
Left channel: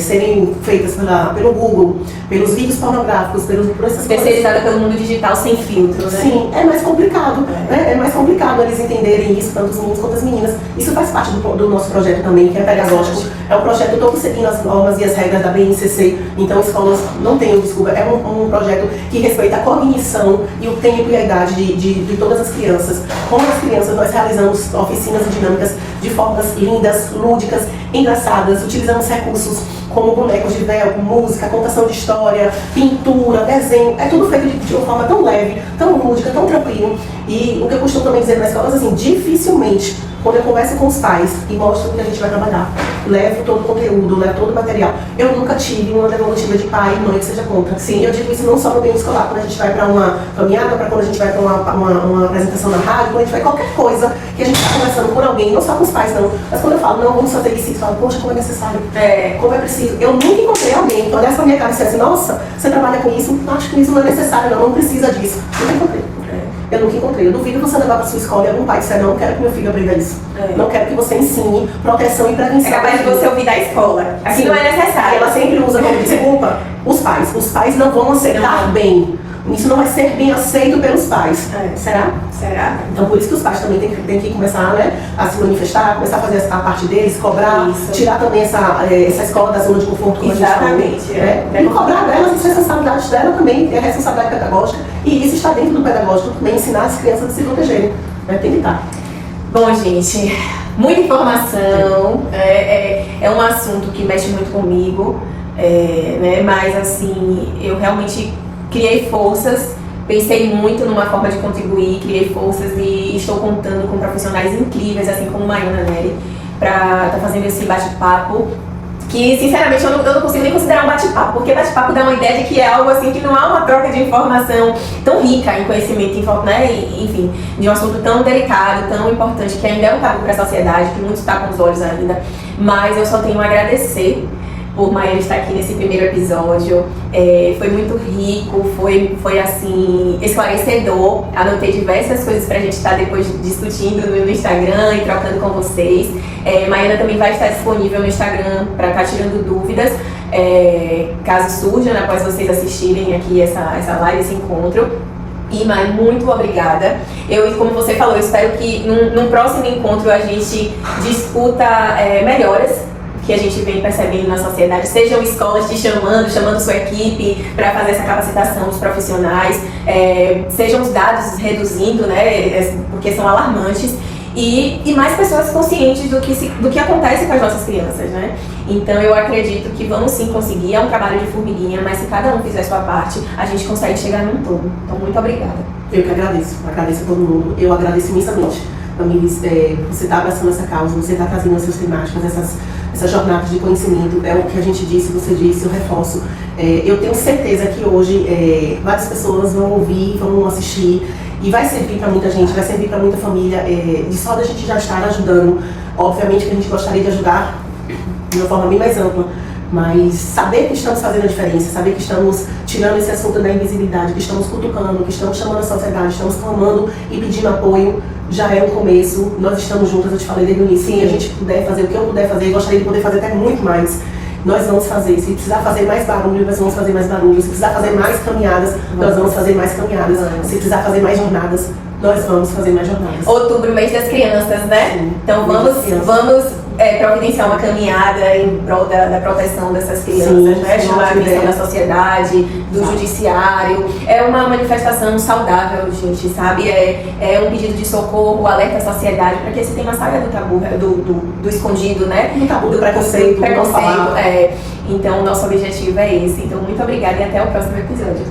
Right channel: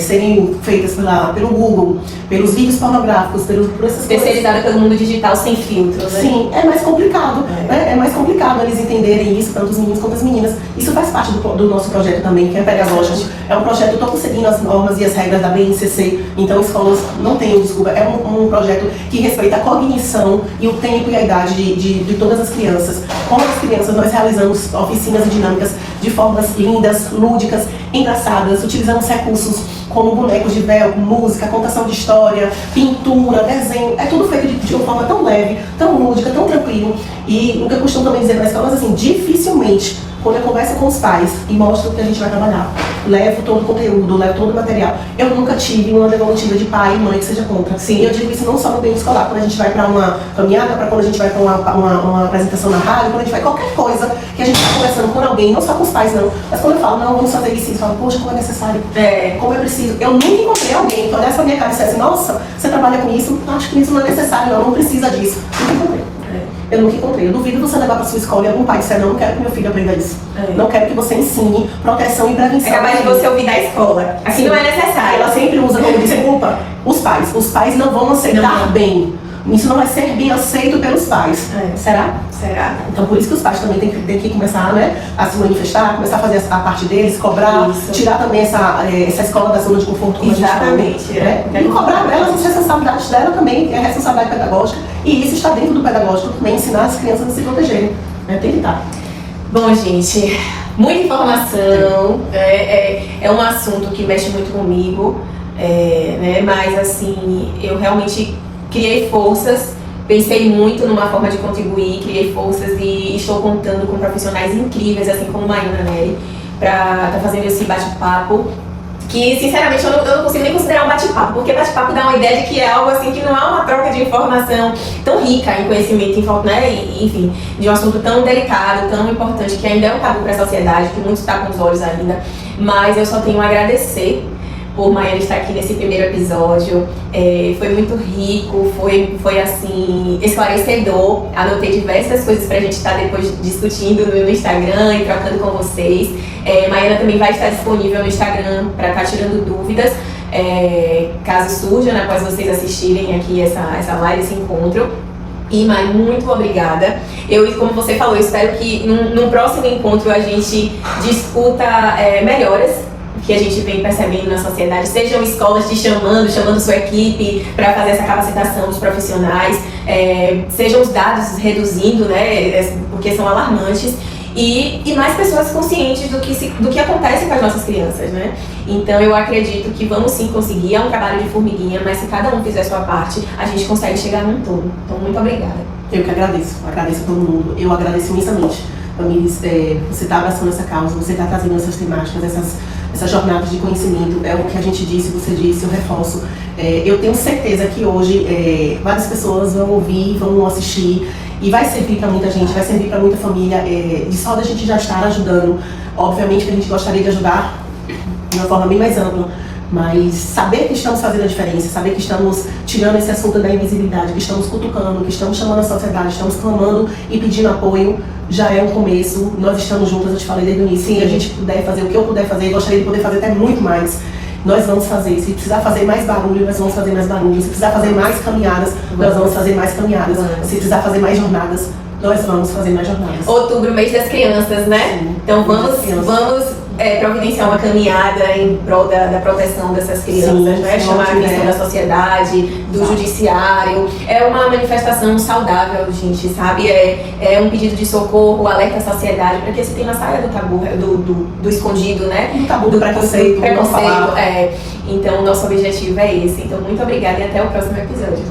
serem feitas pelo Google, pelos vídeos pornográficos, por essas coisas... Terceirizada pelo mundo digital sem filtro, né? Sim, é mais complicado. Né? É mais complicado eles entenderem isso, tanto os meninos quanto as meninas. Isso faz parte do nosso projeto também, que é pedagógico. É um projeto todo seguindo as normas e as regras da BNCC. Então, escolas não tenham desculpa. É um projeto que respeita a cognição e o tempo e a idade de todas as crianças. Com as crianças, nós realizamos oficinas e dinâmicas de formas lindas, lúdicas, engraçadas. Utilizamos recursos como bonecos de véu, música, contação de história, pintura, desenho. É tudo feito de uma forma tão leve, tão lúdica, tão tranquilo. E o que eu costumo também dizer nas escolas, assim, dificilmente, quando eu converso com os pais e mostro o que a gente vai trabalhar, levo todo o conteúdo, levo todo o material, eu nunca tive uma devolutiva de pai e mãe que seja contra. Sim, eu digo isso não só no meio escolar, quando a gente vai para uma caminhada, para quando a gente vai para uma apresentação na rádio, quando a gente vai qualquer coisa que a gente está conversando com alguém, não só com os pais não, mas quando eu falo, não, vamos fazer isso, eu falo, poxa, como é necessário, como é preciso. Eu nunca encontrei alguém que olhasse pra minha cara e dissesse, nossa, você trabalha com isso, acho que isso não é necessário, não precisa disso. Nunca encontrei. Eu nunca encontrei. Eu duvido você levar para sua escola e algum pai disser, não quero que meu filho aprenda isso. Não quero que você ensine proteção e prevenção. É capaz de você ouvir da escola. Assim não é necessário. Ela sempre usa como desculpa os pais. Os pais não vão aceitar bem. Isso não vai ser bem aceito pelos pais. Será? Será? Então, por isso que os pais também têm que começar, né, a se manifestar, começar a fazer a parte deles, cobrar, tirar também essa escola da zona de conforto. Como exatamente. E cobrar delas as responsabilidades dela também, é a responsabilidade pedagógica. E isso está dentro do pedagógico também, ensinar as crianças a se protegerem. Tem que estar. Bom, gente, muita informação. É um assunto que mexe muito comigo. Né, mas, assim, eu realmente criei forças, pensei muito numa forma de contribuir, criei forças e estou contando com profissionais incríveis, assim como Maiana Nery, para estar fazendo esse bate-papo, que sinceramente eu não consigo nem considerar um bate-papo, porque bate-papo dá uma ideia de que é algo assim que não há uma troca de informação tão rica em conhecimento, né? Enfim, de um assunto tão delicado, tão importante, que ainda é um tabu para a sociedade, que muito está com os olhos ainda, mas eu só tenho a agradecer por Maiana estar aqui nesse primeiro episódio. Foi muito rico, foi assim, esclarecedor. Anotei diversas coisas pra gente estar depois discutindo no Instagram e trocando com vocês. Maiana também vai estar disponível no Instagram para estar tirando dúvidas, caso surja, né, após vocês assistirem aqui essa live, esse encontro. E, Mai, muito obrigada. Como você falou, eu espero que num próximo encontro a gente discuta melhoras que a gente vem percebendo na sociedade, sejam escolas te chamando sua equipe para fazer essa capacitação dos profissionais, sejam os dados reduzindo, né, porque são alarmantes, e mais pessoas conscientes do que acontece com as nossas crianças, né? Então eu acredito que vamos sim conseguir, é um trabalho de formiguinha, mas se cada um fizer a sua parte, a gente consegue chegar num todo. Então, muito obrigada. Eu que agradeço a todo mundo, eu agradeço imensamente. Famílias, você está abraçando essa causa, você está trazendo essas temáticas, essas jornadas de conhecimento, é o que a gente disse, você disse, eu reforço. Eu tenho certeza que hoje várias pessoas vão ouvir, vão assistir, e vai servir para muita gente, vai servir para muita família, de só da gente já estar ajudando. Obviamente que a gente gostaria de ajudar de uma forma bem mais ampla, mas saber que estamos fazendo a diferença, saber que estamos tirando esse assunto da invisibilidade, que estamos cutucando, que estamos chamando a sociedade, estamos clamando e pedindo apoio, já é um começo. Nós estamos juntas, eu te falei desde o início, se a gente puder fazer o que eu puder fazer, gostaria de poder fazer até muito mais. Nós vamos fazer. Se precisar fazer mais barulho, nós vamos fazer mais barulho. Se precisar fazer mais caminhadas, nós vamos fazer mais caminhadas. Se precisar fazer mais jornadas, nós vamos fazer mais jornadas. Outubro, mês das crianças, né? Sim, então vamos providenciar uma caminhada em prol da proteção dessas crianças, né? Chamar a atenção da sociedade, do judiciário. É uma manifestação saudável, gente, sabe? É um pedido de socorro, alerta à sociedade, para que esse tema saia do tabu, do escondido, né? Do tabu, do preconceito. Então, o nosso objetivo é esse. Então, muito obrigada e até o próximo episódio.